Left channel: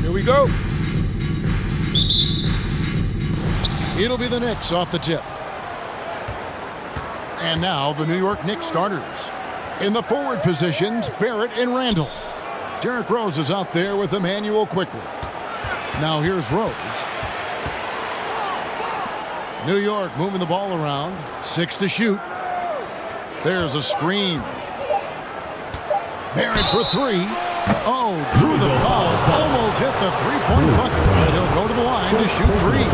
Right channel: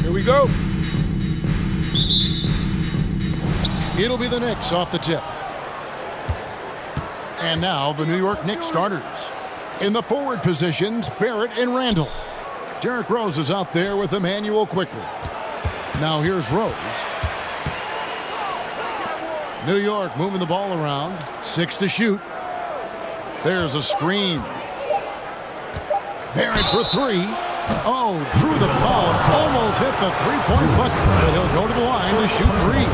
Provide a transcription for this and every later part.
Here we go. It'll be the Knicks off the tip. And now the New York Knicks starters. In the forward positions, Barrett and Randall. Derrick Rose is out there with Emmanuel quickly. Now here's Rose. New York moving the ball around. 6 to shoot. There's a screen. Barrett for 3. Oh, drew the foul. Almost hit the three-point bucket. But he'll go to the line to shoot 3.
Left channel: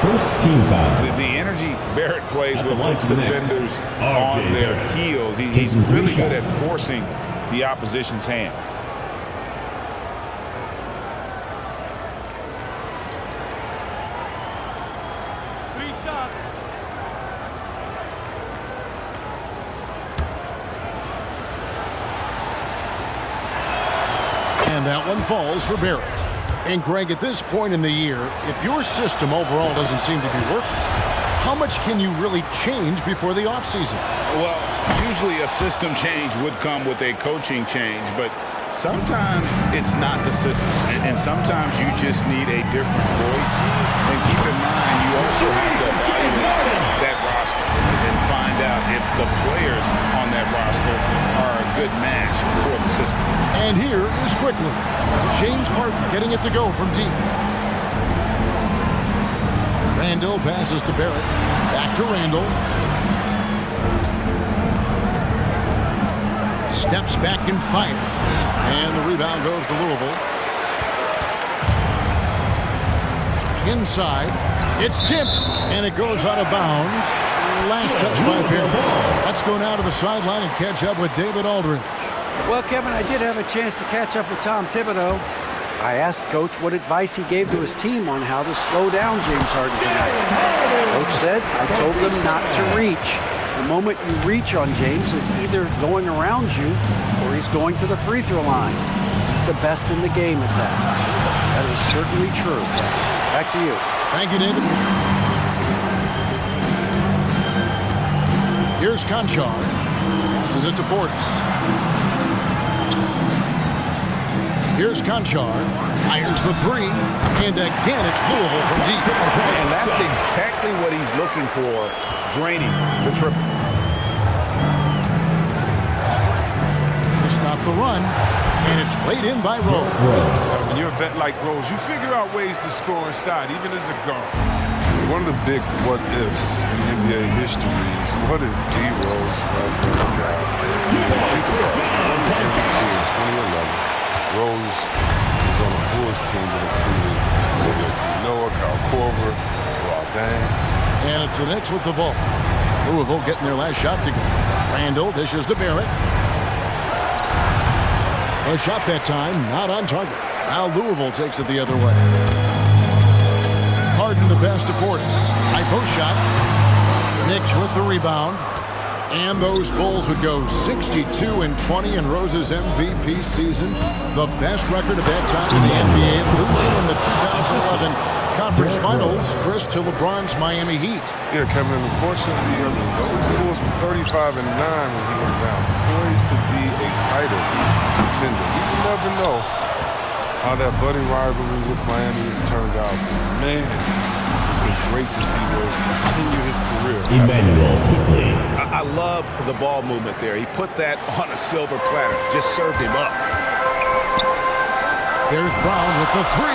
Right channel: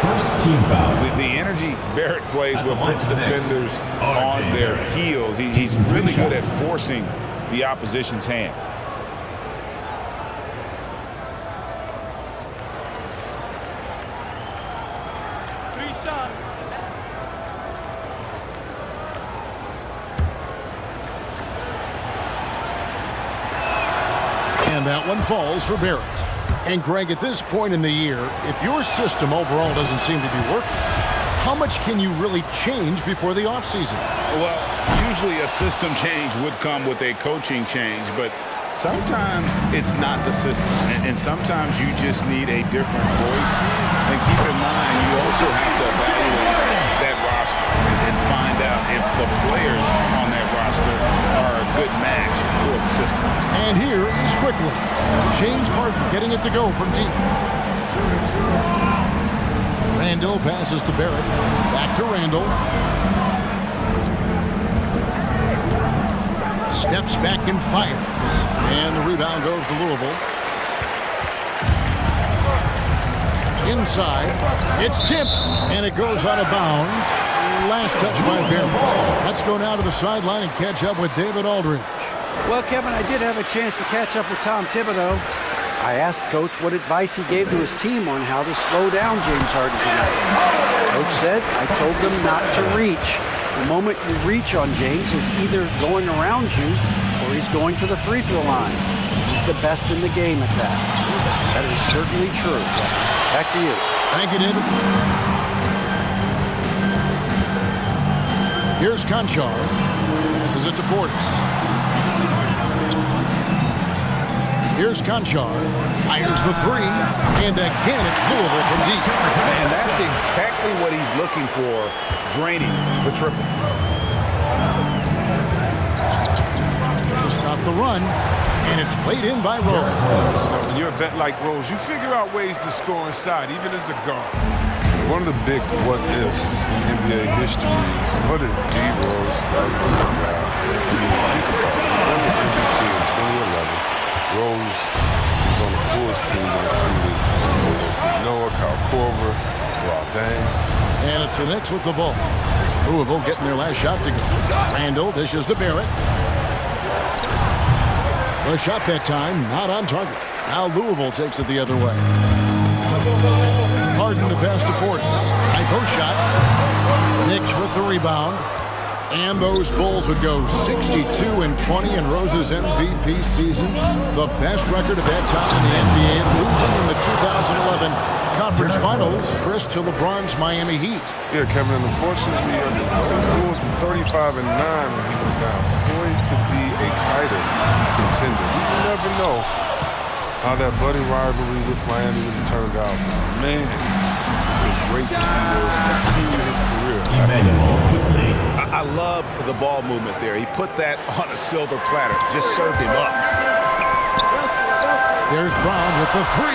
First team foul. The energy Barrett plays with puts defenders on their heels. He's really good at forcing the opposition's hand. And that one falls for Barrett. And Greg, at this point in the year, if your system overall doesn't seem to be working, how much can you really change before the offseason? Well, usually a system change would come with a coaching change, but sometimes it's not the system, and sometimes you just need a different voice. And keep in mind, you also have to evaluate that roster and find out if the players on that roster are a good match for the system. And here is quickly James Harden getting it to go from deep. Randall passes to Barrett. Back to Randall. Steps back and fires. And the rebound goes to Louisville. Inside. It's tipped. And it goes out of bounds. Last touch by Barrett. Let's go now to the sideline and catch up with David Aldridge. Well, Kevin, I did have a chance to catch up with Tom Thibodeau. I asked Coach what advice he gave to his team on how to slow down James Harden tonight. Coach said, I told them not to reach. The moment you reach on James is either going around you or he's going to the free throw line. He's the best in the game at that. That is certainly true, Kevin. Back to you. Thank you, David. Here's Conchar. Passes it to Portis. Here's Conchar. Fires the 3. And again, it's Louisville from deep. And that's exactly what he's looking for, draining the triple. To stop the run. And it's laid in by Rose. When you're a vet like Rose, you figure out ways to score inside, even as a guard. One of the big what-ifs in NBA history is what if D. Rose ever got think about it. He won the MVP in 2011. Rose was on the Bulls team that included Noah, Kyle Korver, Dang. And it's the Knicks with the ball. Louisville getting their last shot to go. Randall dishes to Barrett. A shot that time, not on target. Now Louisville takes it the other way. Harden the pass to Portis. High post shot. Knicks with the rebound. And those Bulls would go 62-20 in Rose's MVP season. The best record of that time in the NBA, losing in the 2011 Conference Finals, Chris, to LeBron's Miami Heat. Yeah, Kevin, and unfortunately, those Bulls were 35-9 when he went down, poised to be a title contender. You never know how that budding rivalry with Miami really turned out. But man, it's been great to see Rose continue his career. Emmanuel quickly. I love the ball movement there. He put that on a silver platter, just served him up. There's Brown with the 3.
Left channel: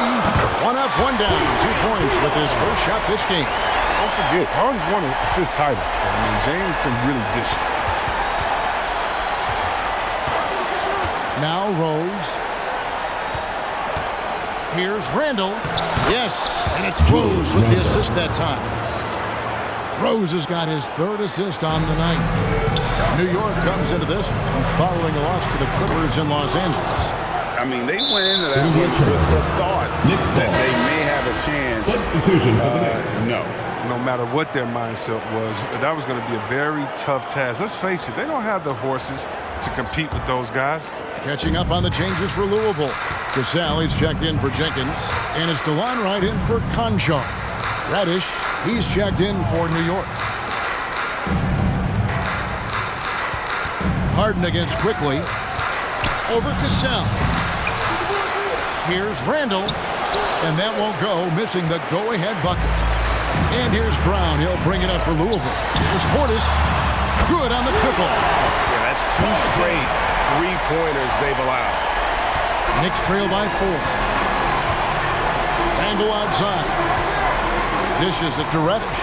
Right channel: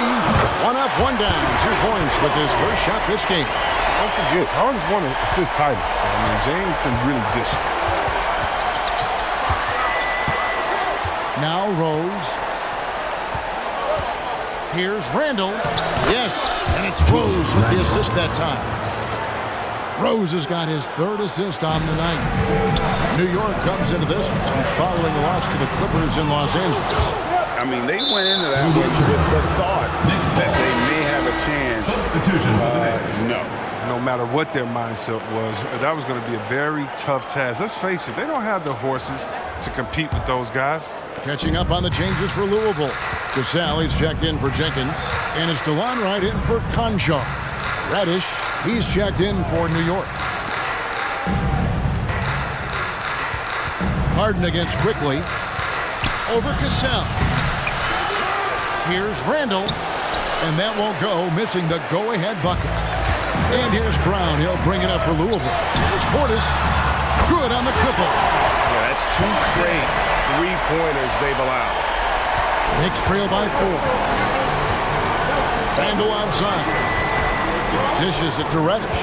1 up, 1 down. 2 points with his first shot this game. Don't forget, Harden's won an assist title. I mean, James can really dish it. Now Rose. Here's Randall. Yes, and it's Rose with the assist that time. Rose has got his 3rd assist on the night. New York comes into this one following a loss to the Clippers in Los Angeles. I mean, they went into that one with the thought that they may have a chance. Substitution for the Knicks. No matter what their mindset was, that was going to be a very tough task. Let's face it, they don't have the horses to compete with those guys. Catching up on the changes for Louisville. Casale is checked in for Jenkins. And it's DeLon Wright in for Conchar. Reddish, he's checked in for New York. Harden against Quickly. Over Casale. Here's Randall. And that won't go, missing the go-ahead bucket. And here's Brown. He'll bring it up for Louisville. Here's Portis. Good on the triple. Yeah, that's 2 straight three-pointers they've allowed. Knicks trail by 4. Randall outside. Dishes it to Reddish.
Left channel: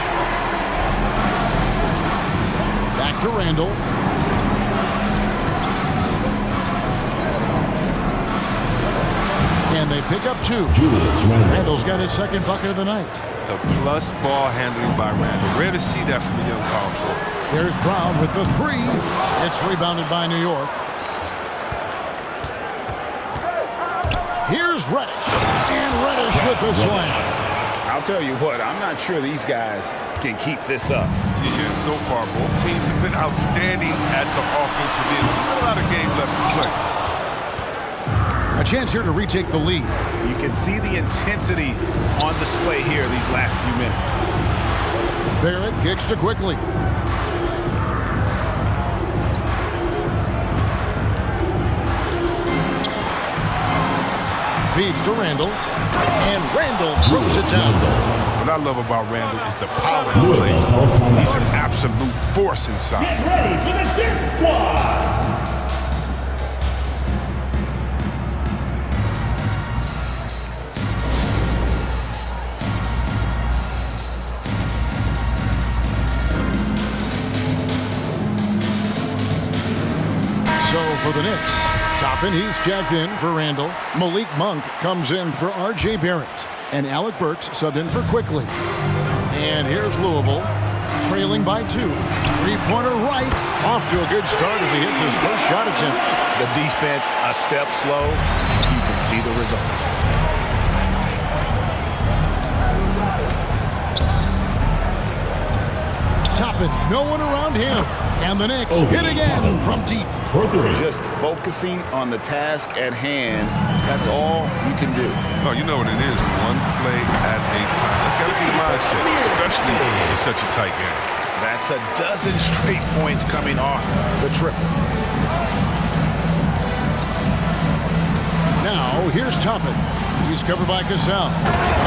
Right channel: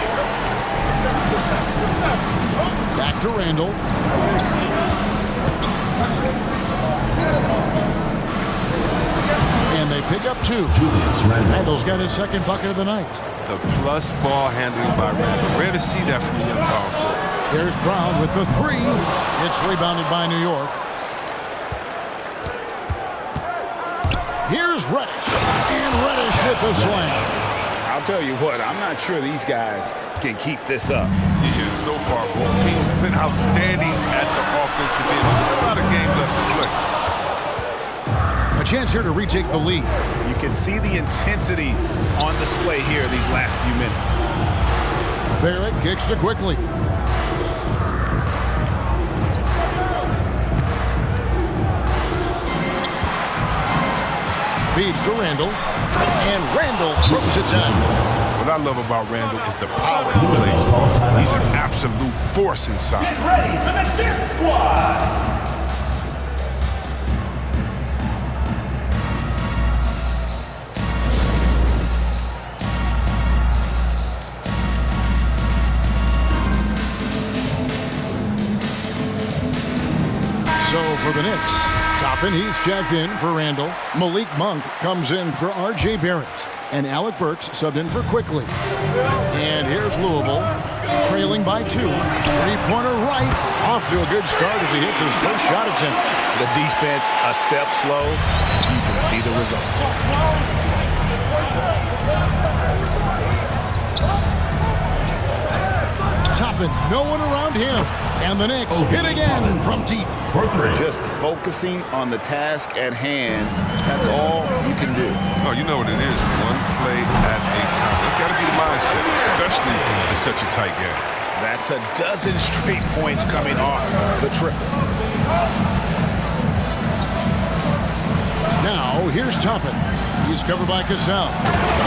Back to Randall. And they pick up 2. Julius Randle. Randall's got his second bucket of the night. The plus ball handling by Randall. Rare to see that from a young power forward. There's Brown with the 3. It's rebounded by New York. Here's Reddish. And Reddish with the slam. I'll tell you what, I'm not sure these guys can keep this up. Yeah, so far both teams have been outstanding at the offensive end. A lot of game left to play. A chance here to retake the lead. You can see the intensity on display here these last few minutes. Barrett kicks to quickly. Feeds to Randall. And Randall throws it down. What I love about Randall is the power he plays. He's an absolute force inside. Get ready for the Dance Squad. So for the Knicks, Toppin, he's checked in for Randall. Malik Monk comes in for R.J. Barrett. And Alec Burks subbed in for Quickly. And here's Louisville, trailing by 2. Three-pointer right. Off to a good start as he hits his first shot attempt. The defense a step slow, and you can see the results. Toppin, no one around him. And the Knicks hit again from deep. For 3. Just focusing on the task at hand, that's all you can do. Oh, you know what it is. One play at a time. That's got to be the mindset, especially in such a tight game. That's a dozen straight points coming off the triple. Now, here's Toppin. He's covered by Cassell.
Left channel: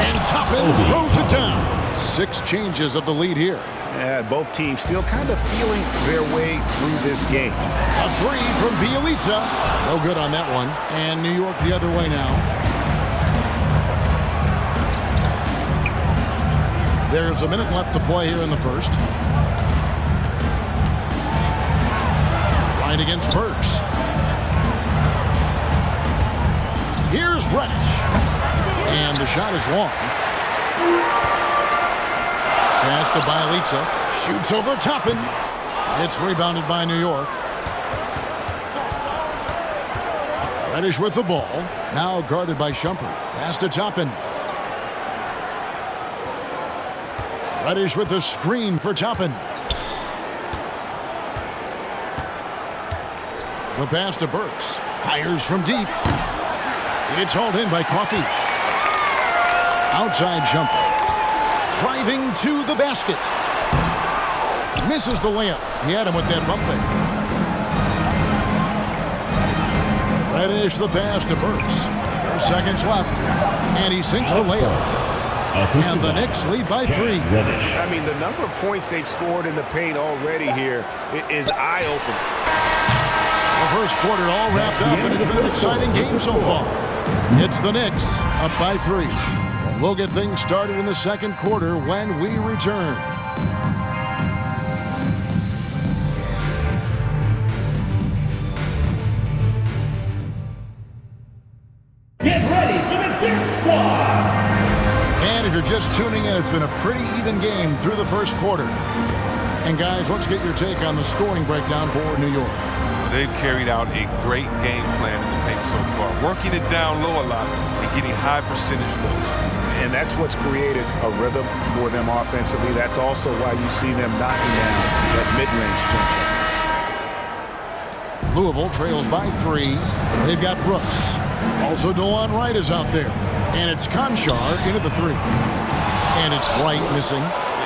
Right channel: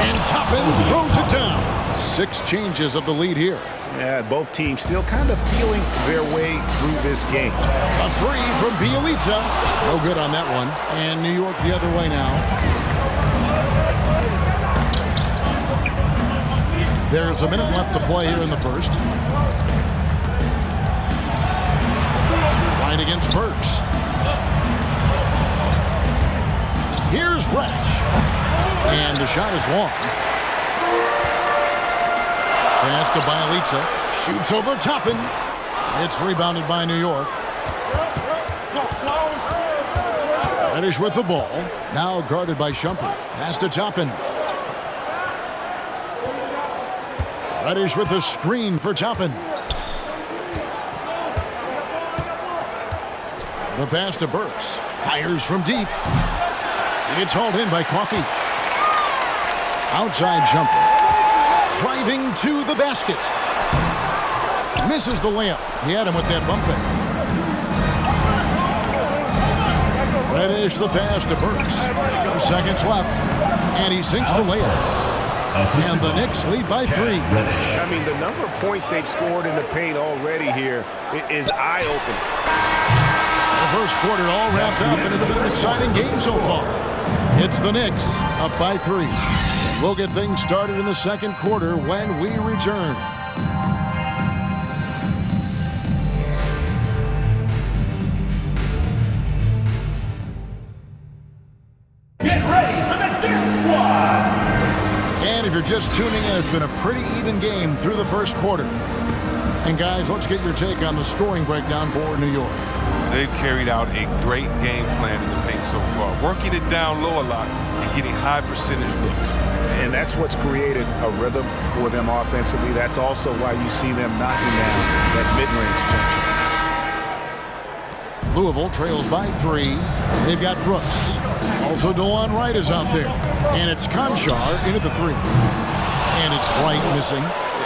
And Toppin throws it down. 6 changes of the lead here. Yeah, both teams still kind of feeling their way through this game. A 3 from Bielitsa. No good on that one. And New York the other way now. There's a minute left to play here in the first. Right against Burks. Here's Reddish. And the shot is long. Pass to Bielitsa. Shoots over Toppin. It's rebounded by New York. Reddish with the ball. Now guarded by Shumpert. Pass to Toppin. Reddish with the screen for Toppin. The pass to Burks. Fires from deep. It's hauled in by Coffey. Outside Shumpert. Driving to the basket. Misses the layup. He had him with that bump fake. Reddish the pass to Burks. 4 seconds left. And he sinks the layup. And the Knicks lead by 3. I mean, the number of points they've scored in the paint already here is eye-opening. The first quarter all wrapped up, and it's been an exciting game so far. It's the Knicks up by 3. And we'll get things started in the second quarter when we return. Get ready for the Dance Squad. And if you're just tuning in, it's been a pretty even game through the first quarter. And guys, let's get your take on the scoring breakdown for New York. Well, they've carried out a great game plan in the paint so far, working it down low a lot and getting high percentage looks. And that's what's created a rhythm for them offensively. That's also why you see them knocking down that mid-range jump shot. Louisville trails by 3. They've got Brooks. Also, DeLon Wright is out there. And it's Conchar into the 3. And it's Wright missing.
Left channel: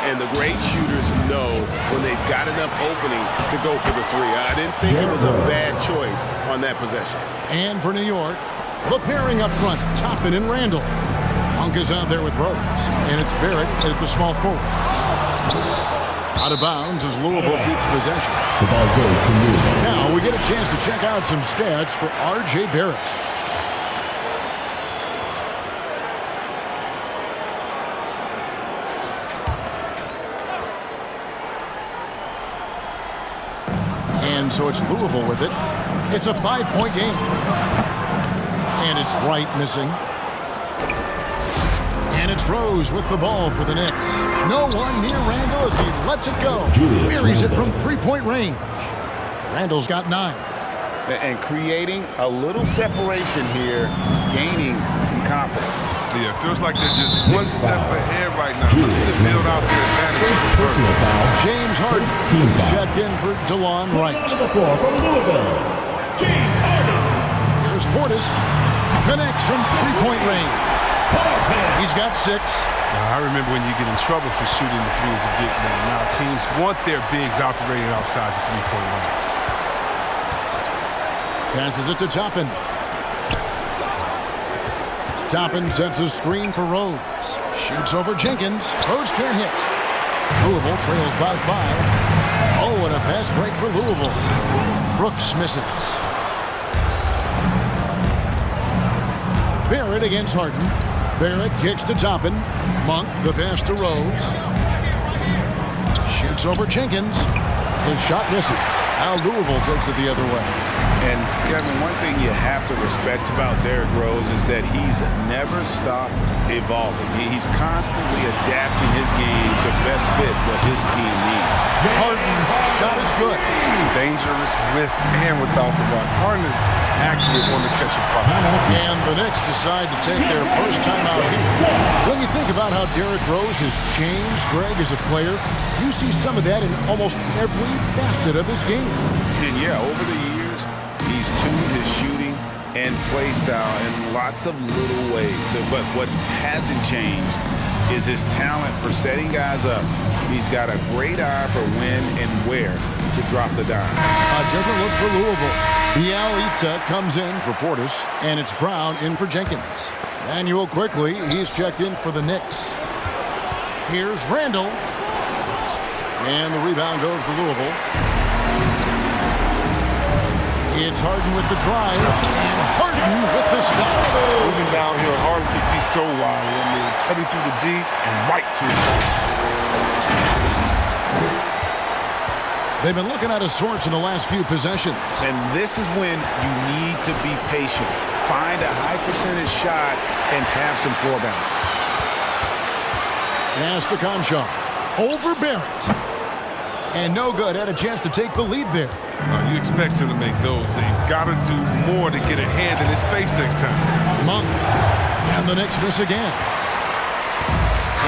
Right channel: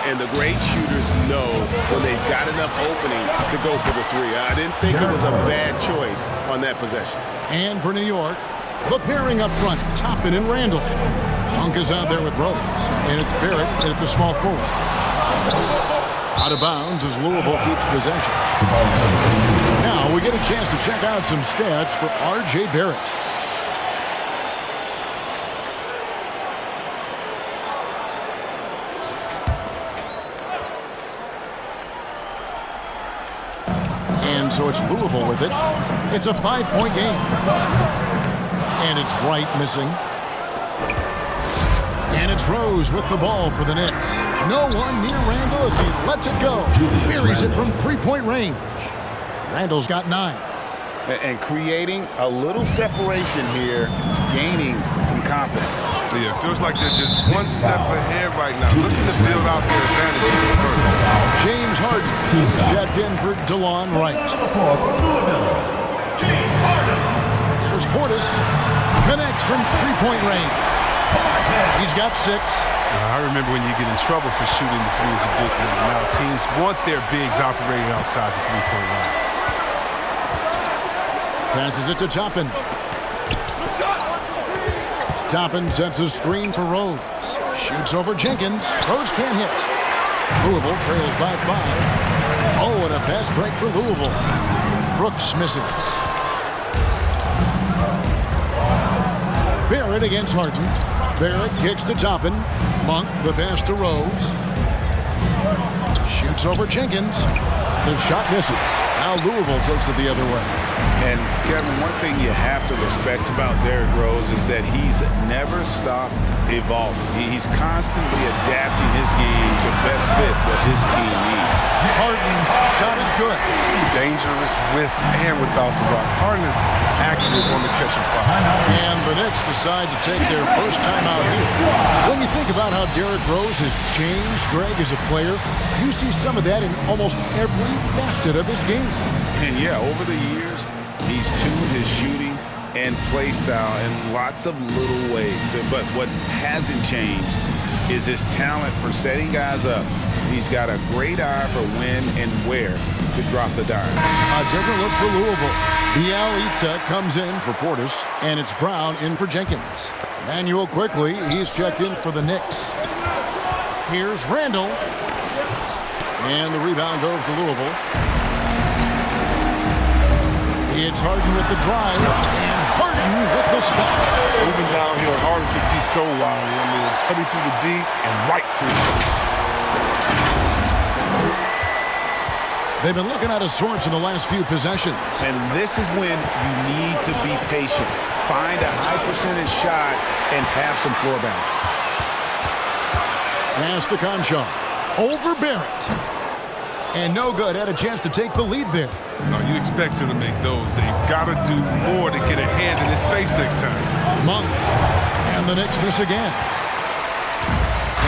And the great shooters know when they've got enough opening to go for the 3. I didn't think it was a bad choice on that possession. And for New York, The pairing up front, Toppin and Randall. Monk is out there with Rose, and it's Barrett at the small forward. Out of bounds as Louisville keeps possession. Now we get a chance to check out some stats for R.J. Barrett. And so it's Louisville with it. It's a 5-point game. And it's Wright missing. And it's Rose with the ball for the Knicks. No one near Randall as he lets it go. Buries it from three-point range. Randall's got 9. And creating a little separation here, gaining some confidence. Yeah, it feels like they're just one step ahead right now, looking to build out their advantages further. James Harden is checked in for DeLon Wright. On the floor from Louisville, James Harden. Here's Portis. Connects from three-point range. He's got 6. I remember when you get in trouble for shooting the three as a big man. Now teams want their bigs operating outside the three-point line. Passes it to Toppin. Toppin sets a screen for Rose. Shoots over Jenkins. Rose can't hit. Louisville trails by 5. Oh, and a fast break for Louisville. Brooks misses. Barrett against Harden. Barrett kicks to Toppin. Monk, the pass to Rose. Shoots over Jenkins. The shot misses. Now Louisville takes it the other way. And, Kevin, one thing you have to respect about Derrick Rose is that he's never stopped evolving. He's constantly adapting his game to best fit what his team needs. Harden's shot is good. Dangerous with and without the rock. Harden is accurate on the catch and fire. And the Knicks decide to take their first time out here. When you think about how Derrick Rose has changed, Greg, as a player, you see some of that in almost every facet of his game. And, yeah, over the years, he's tuned his shooting and play style in lots of little ways. But what hasn't changed is his talent for setting guys up. He's got a great eye for when and where to drop the dime. A different look for Louisville. Bialica comes in for Portis, and it's Brown in for Jenkins. Manuel quickly, he's checked in for the Knicks. Here's Randall. And the rebound goes to Louisville. It's Harden with the drive, and Harden with the stop. Moving downhill, Harden can be so wily. I mean, cutting through the D and right to it. They've been looking out of sorts in the last few possessions. And this is when you need to be patient. Find a high percentage shot and have some floor balance. Pass to Conchar. Over Barrett. And no good. Had a chance to take the lead there. You expect him to make those. They've got to do more to get a hand in his face next time. Monk. And the Knicks miss again.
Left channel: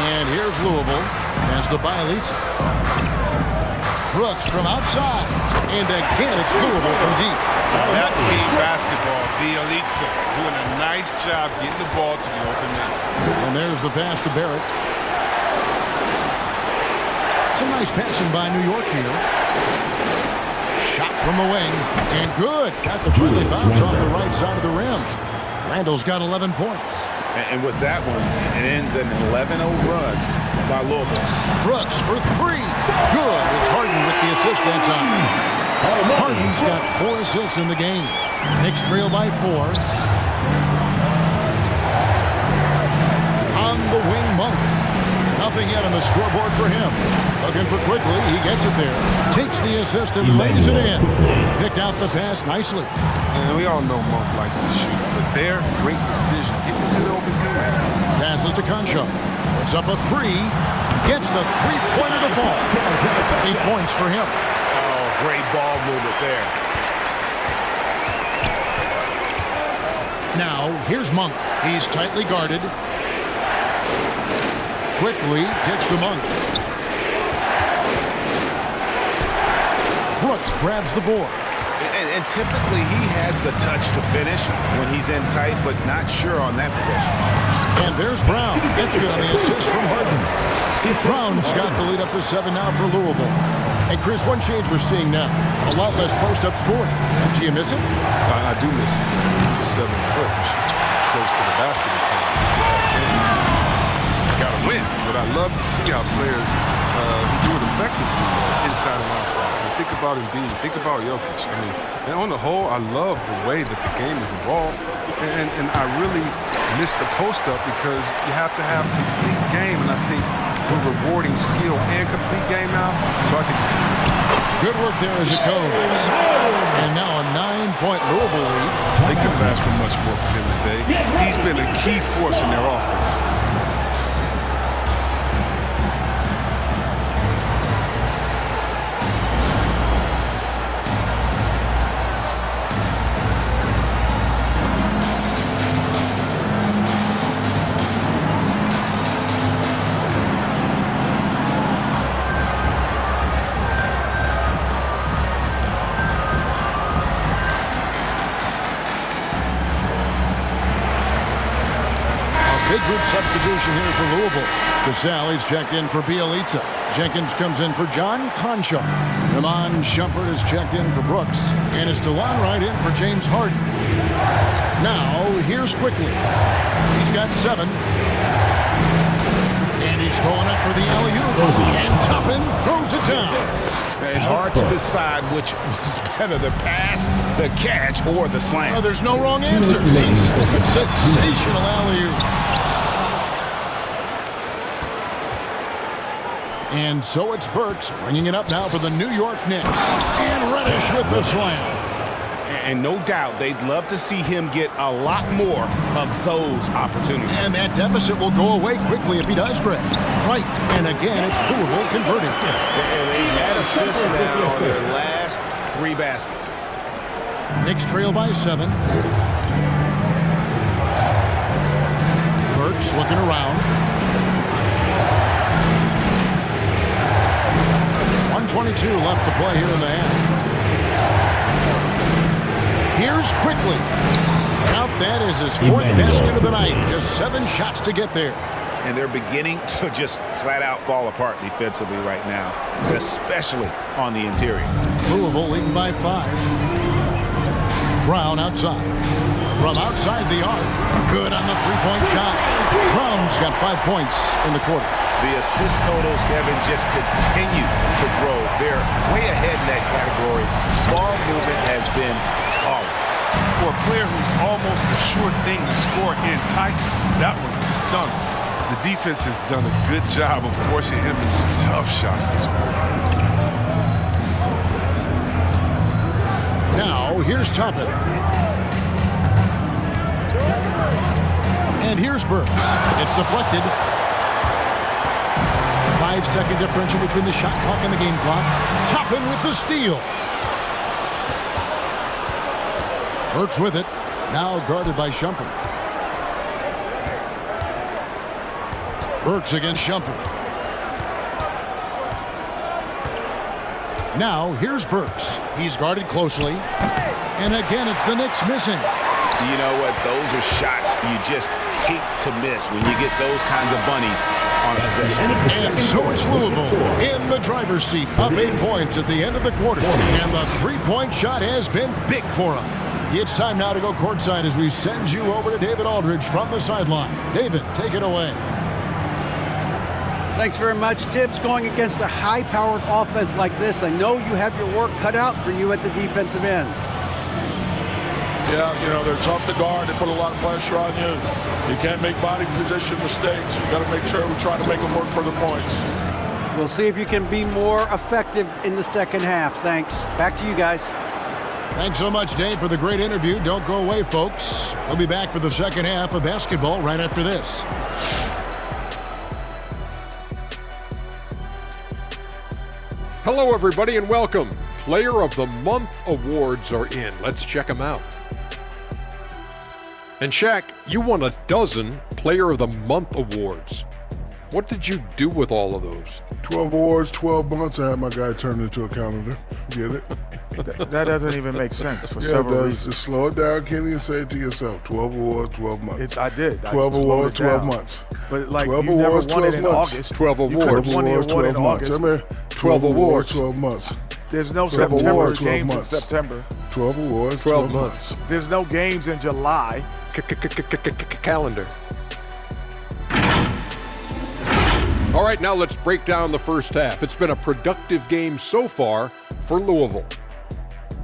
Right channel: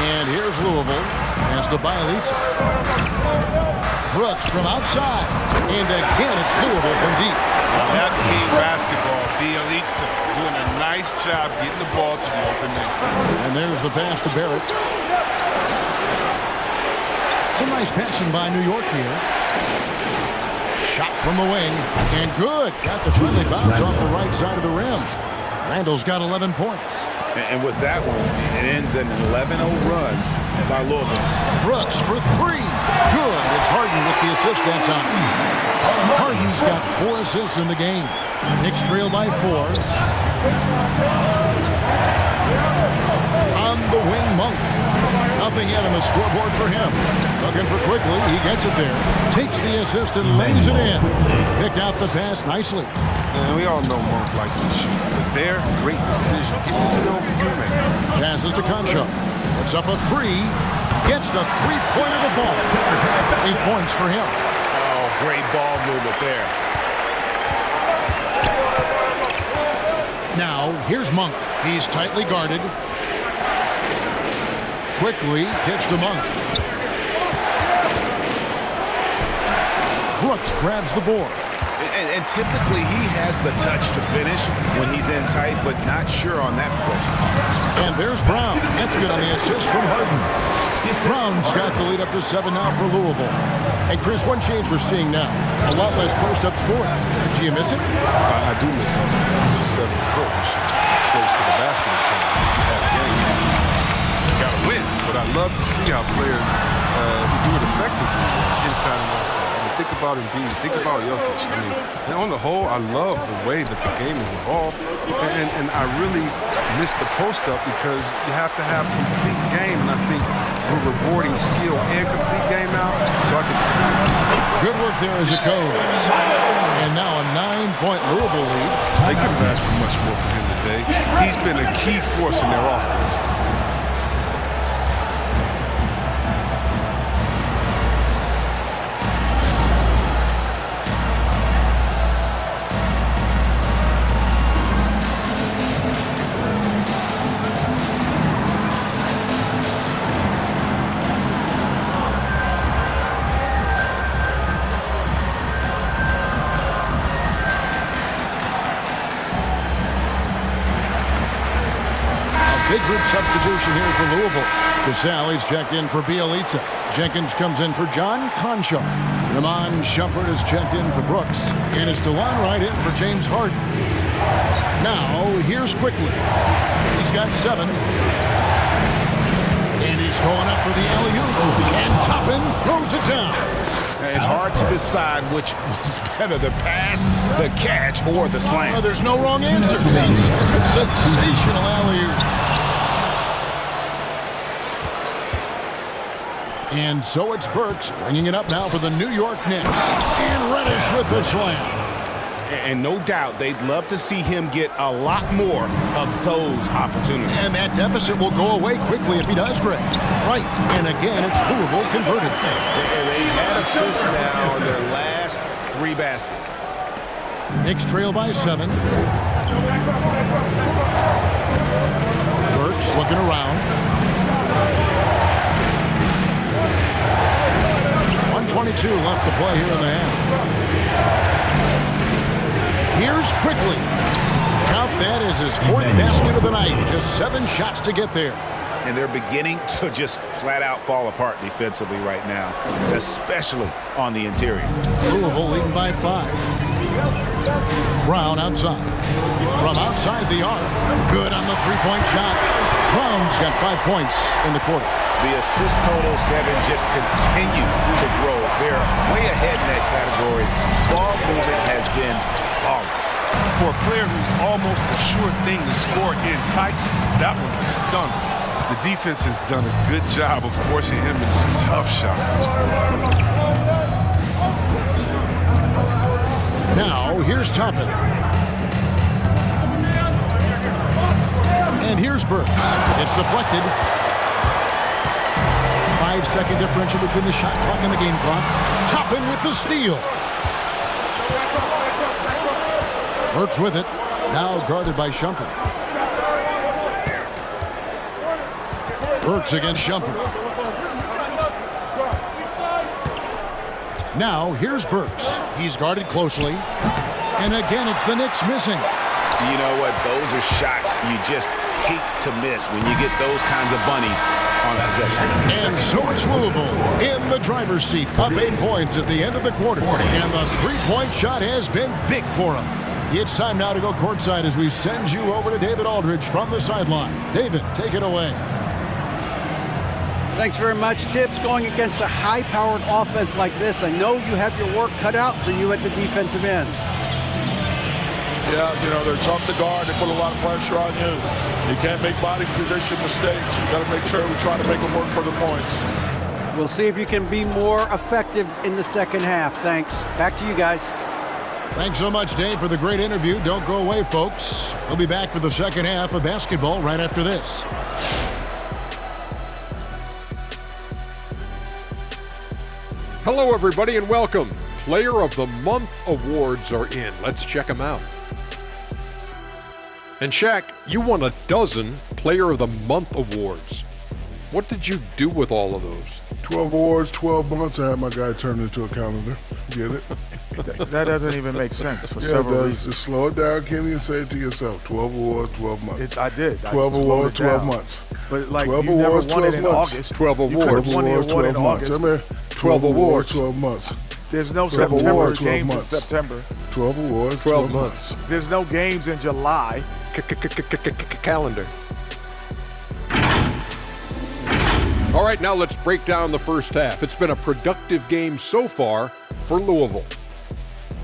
And here's Louisville. Pass to Bialica. Brooks from outside. And again, it's Louisville from deep. Now that's team basketball. Bialica doing a nice job getting the ball to the open man. And there's the pass to Barrett. Some nice passing by New York here. Shot from the wing. And good. Got the friendly bounce off the right side of the rim. Randall's got 11 points. And with that one, it ends an 11-0 run by Louisville. Brooks for 3. Good. It's Harden with the assist that time. Harden's got 4 assists in the game. Knicks trail by 4. On the wing, Monk. Nothing yet on the scoreboard for him. Looking for quickly. He gets it there. Takes the assist and lays it in. Picked out the pass nicely. And we all know Monk likes to shoot, but their great decision getting into the open teammate. Passes to Conchar. Puts up a 3. Gets the three-pointer to fall. 8 points for him. Oh, great ball movement there. Now, here's Monk. He's tightly guarded. Quickly kicks to Monk. Brooks grabs the board. And typically he has the touch to finish when he's in tight, but not sure on that possession. And there's Brown. That's good on the assist from Harden. Brown's got the lead up to 7 now for Louisville. Hey, Chris, one change we're seeing now. A lot less post-up scoring. Do you miss it? I do miss him. If you're 7 foot, you should be close to the basket at times if you have game. You got to win. But I love to see how players who do it effectively inside and outside. I mean, think about Embiid. Think about Jokic. I mean, and on the whole, I love the way that the game has evolved. And I really miss the post-up because you have to have complete game. And I think we're rewarding skill and complete game now. So I think it's good work there as it goes. And now a 9-point Louisville lead. They couldn't have asked for much more from him today. He's been a key force in their offense. Big group substitution here for Louisville. Casale's checked in for Bielitsa. Jenkins comes in for John Conchar. Ramon Shumpert is checked in for Brooks. And it's DeLon Wright in for James Harden. Now, here's Quickly. He's got 7. And he's going up for the alley-oop. And Toppin throws it down. It's hard to decide which was better, the pass, the catch, or the slam. Oh, there's no wrong answer. Sensational alley-oop. And so it's Burks bringing it up now for the New York Knicks. And Reddish with the slam. And no doubt they'd love to see him get a lot more of those opportunities. And that deficit will go away quickly if he does, Greg. Right. And again, it's Louisville converting. They've had assists now on their last 3 baskets. Knicks trail by 7. Burks looking around. 1:22 left to play here in the half. Here's Quickly. Count that as his 4th basket of the night. Just 7 shots to get there. And they're beginning to just flat out fall apart defensively right now, especially on the interior. Louisville leading by 5. Brown outside. From outside the arc. Good on the 3-point shot. Brown's got 5 points in the quarter. The assist totals, Kevin, just continue to grow. They're way ahead in that category. Ball movement has been flawless. For a player who's almost a sure thing to score in tight, that was a stunner. The defense has done a good job of forcing him into tough shots this quarter. Now, here's Toppin. And here's Burks. It's deflected. 5-second differential between the shot clock and the game clock. Toppin with the steal. Burks with it. Now guarded by Shumpert. Burks against Shumpert. Now here's Burks. He's guarded closely. And again, it's the Knicks missing. You know what? Those are shots you just hate to miss when you get those kinds of bunnies on a possession. And so it's Louisville in the driver's seat, up 8 points at the end of the quarter. And the 3-point shot has been big for them. It's time now to go courtside as we send you over to David Aldridge from the sideline. David, take it away. Thanks very much, Tips. Going against a high-powered offense like this, I know you have your work cut out for you at the defensive end. Yeah, you know, they're tough to guard. They put a lot of pressure on you. You can't make body position mistakes. We got to make sure we try to make them work for the points. We'll see if you can be more effective in the second half. Thanks. Back to you guys. Thanks so much, Dave, for the great interview. Don't go away, folks. We'll be back for the second half of basketball right after this. Hello, everybody, and welcome. Player of the Month awards are in. Let's check them out. And Shaq, you won a dozen Player of the Month awards. What did you do with all of those? 12 awards, 12 months. I had my guy turn it into a calendar. Get it? That doesn't even make sense for several reasons. Just slow it down, Kenny, and say it to yourself. 12 awards, 12 months. I did. 12 awards, 12 months. But like 12 you awards, never won it in 12 months. August. 12 awards. You could have won the award in August. I mean, 12 awards. 12 months. There's no 12 September awards, 12 games months. in September. 12 awards, 12 months. There's no games in July. Calendar. All right, now let's break down the first half. It's been a productive game so far for Louisville.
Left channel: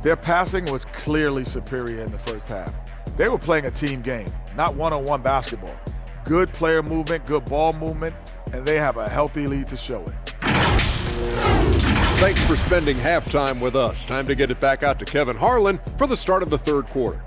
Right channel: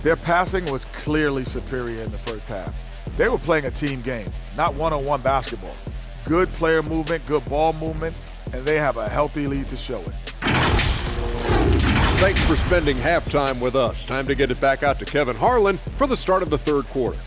Their passing was clearly superior in the first half. They were playing a team game, not one-on-one basketball. Good player movement, good ball movement, and they have a healthy lead to show it. Thanks for spending halftime with us. Time to get it back out to Kevin Harlan for the start of the third quarter.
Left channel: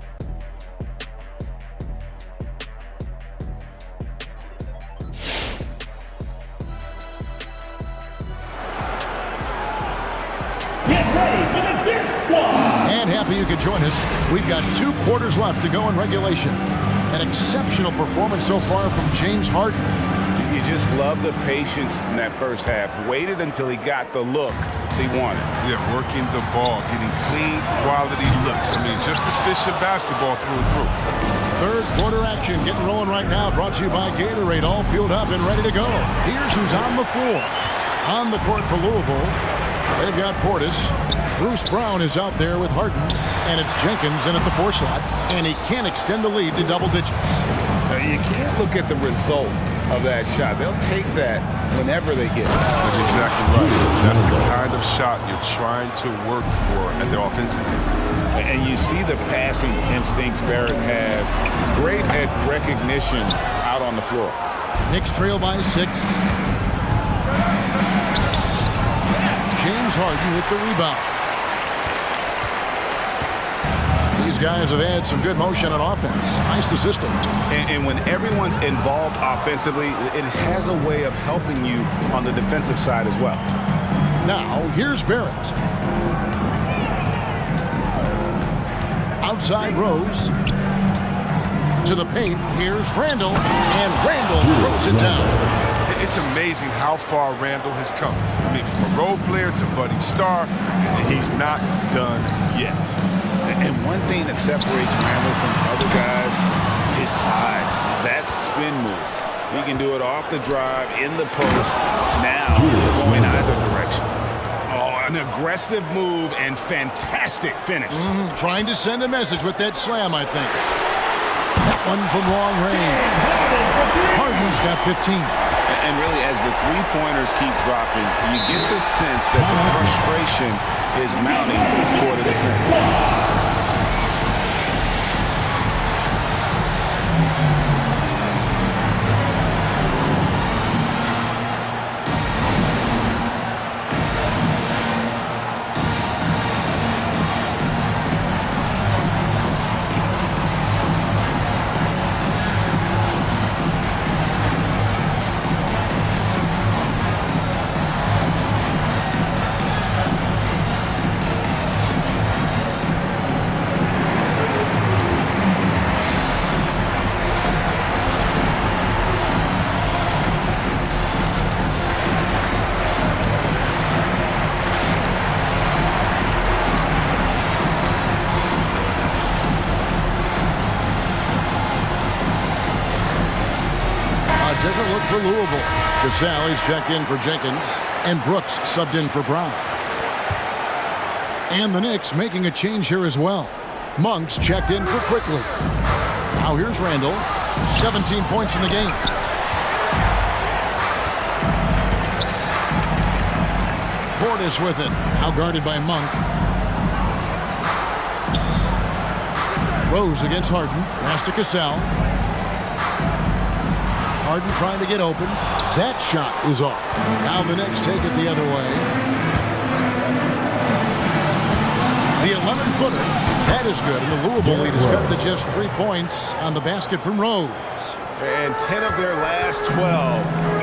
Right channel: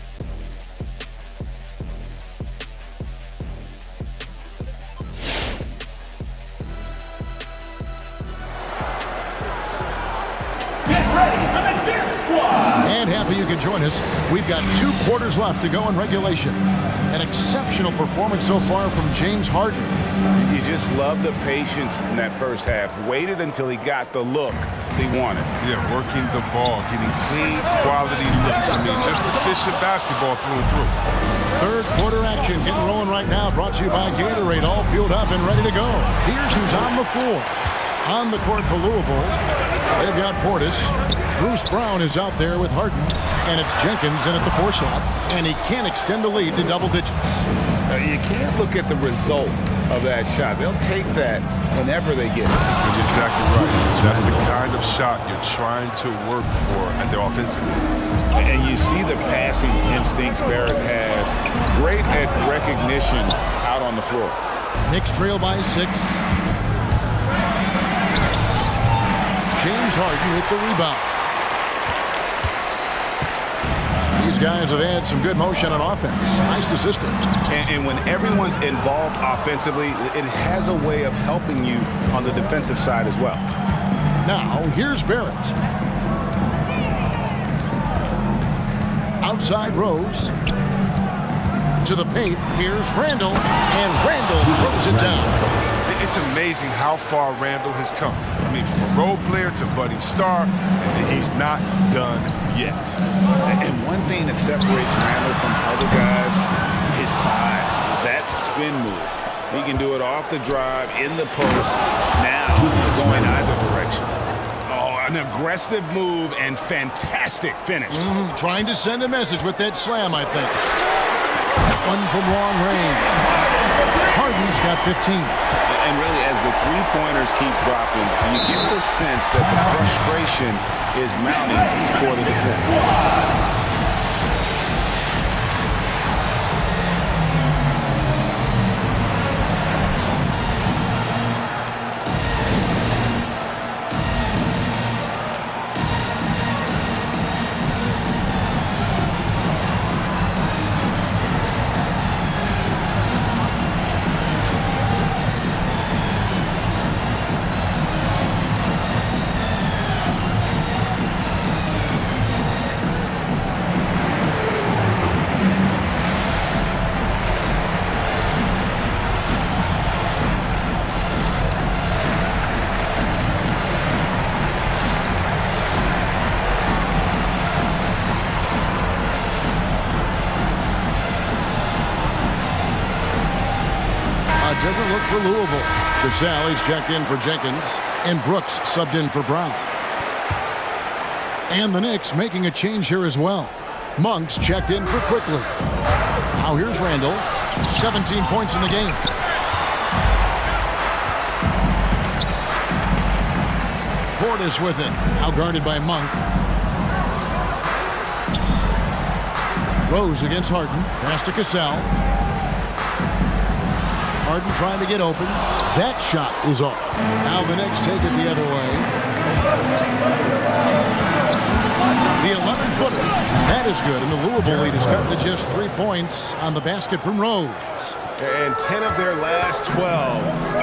Get ready for the Dance Squad. And happy you could join us. We've got 2 quarters left to go in regulation. An exceptional performance so far from James Harden. You just love the patience in that first half. Waited until he got the look he wanted. Yeah, working the ball, getting clean, quality looks. I mean, just efficient basketball through and through. Third quarter action getting rolling right now. Brought to you by Gatorade. All fueled up and ready to go. Here's who's on the floor. On the court for Louisville, they've got Portis. Bruce Brown is out there with Harden. And it's Jenkins in at the 4 slot. And he can't extend the lead to double digits. You can't look at the result of that shot. They'll take that whenever they get it. That's exactly right. That's the kind of shot you're trying to work for at the offensive end. And you see the passing instincts Barrett has. Great at recognition out on the floor. Knicks trail by 6. James Harden with the rebound. These guys have had some good motion on offense. Nice assistant. And when everyone's involved offensively, it has a way of helping you on the defensive side as well. Now, here's Barrett. Outside Rose. To the paint. Here's Randall. And Randall throws it down. It's amazing how far Randall has come. I mean, from a role player to budding star, and he's not done yet. And one thing that separates Randall from other guys, his size. That spin move. He can do it off the drive, in the post, now going either direction. Oh, an aggressive move and fantastic finish. Trying to send a message with that slam, I think. That one from long range. Harden's got 15. And really, as the three-pointers keep dropping, you get the sense that the frustration is mounting for the defense. Different look for Louisville. Casale's checked in for Jenkins, and Brooks subbed in for Brown. And the Knicks making a change here as well. Monk's checked in for Quickly. Now here's Randall. 17 points in the game. Portis with it. Now guarded by Monk. Rose against Harden. Pass to Casale. Harden trying to get open. That shot is off. Now the Knicks take it the other way. The 11-footer. That is good. And the Louisville lead is cut to just 3 points on the basket from Rose. And 10 of their last 12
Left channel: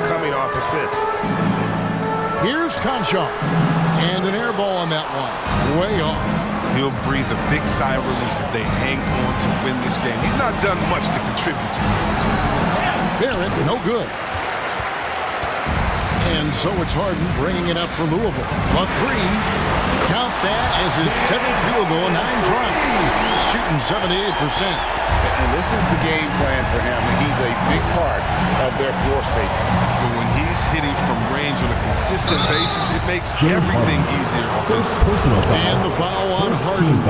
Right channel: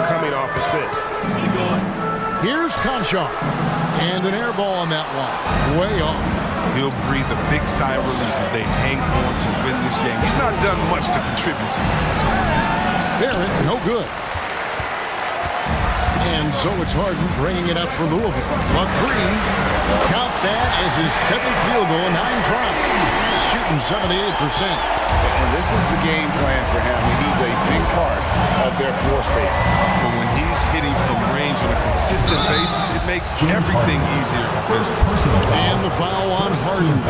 coming off assists. Here's Conchar. And an air ball on that one. Way off. He'll breathe a big sigh of relief if they hang on to win this game. He's not done much to contribute to it. Barrett, no good. And so it's Harden bringing it up for Louisville. A 3. Count that as his 7th field goal, 9 tries. He's shooting 78%. And this is the game plan for him. He's a big part of their floor space. But when he's hitting from range on a consistent basis, it makes everything easier offensively. And the foul on Harden.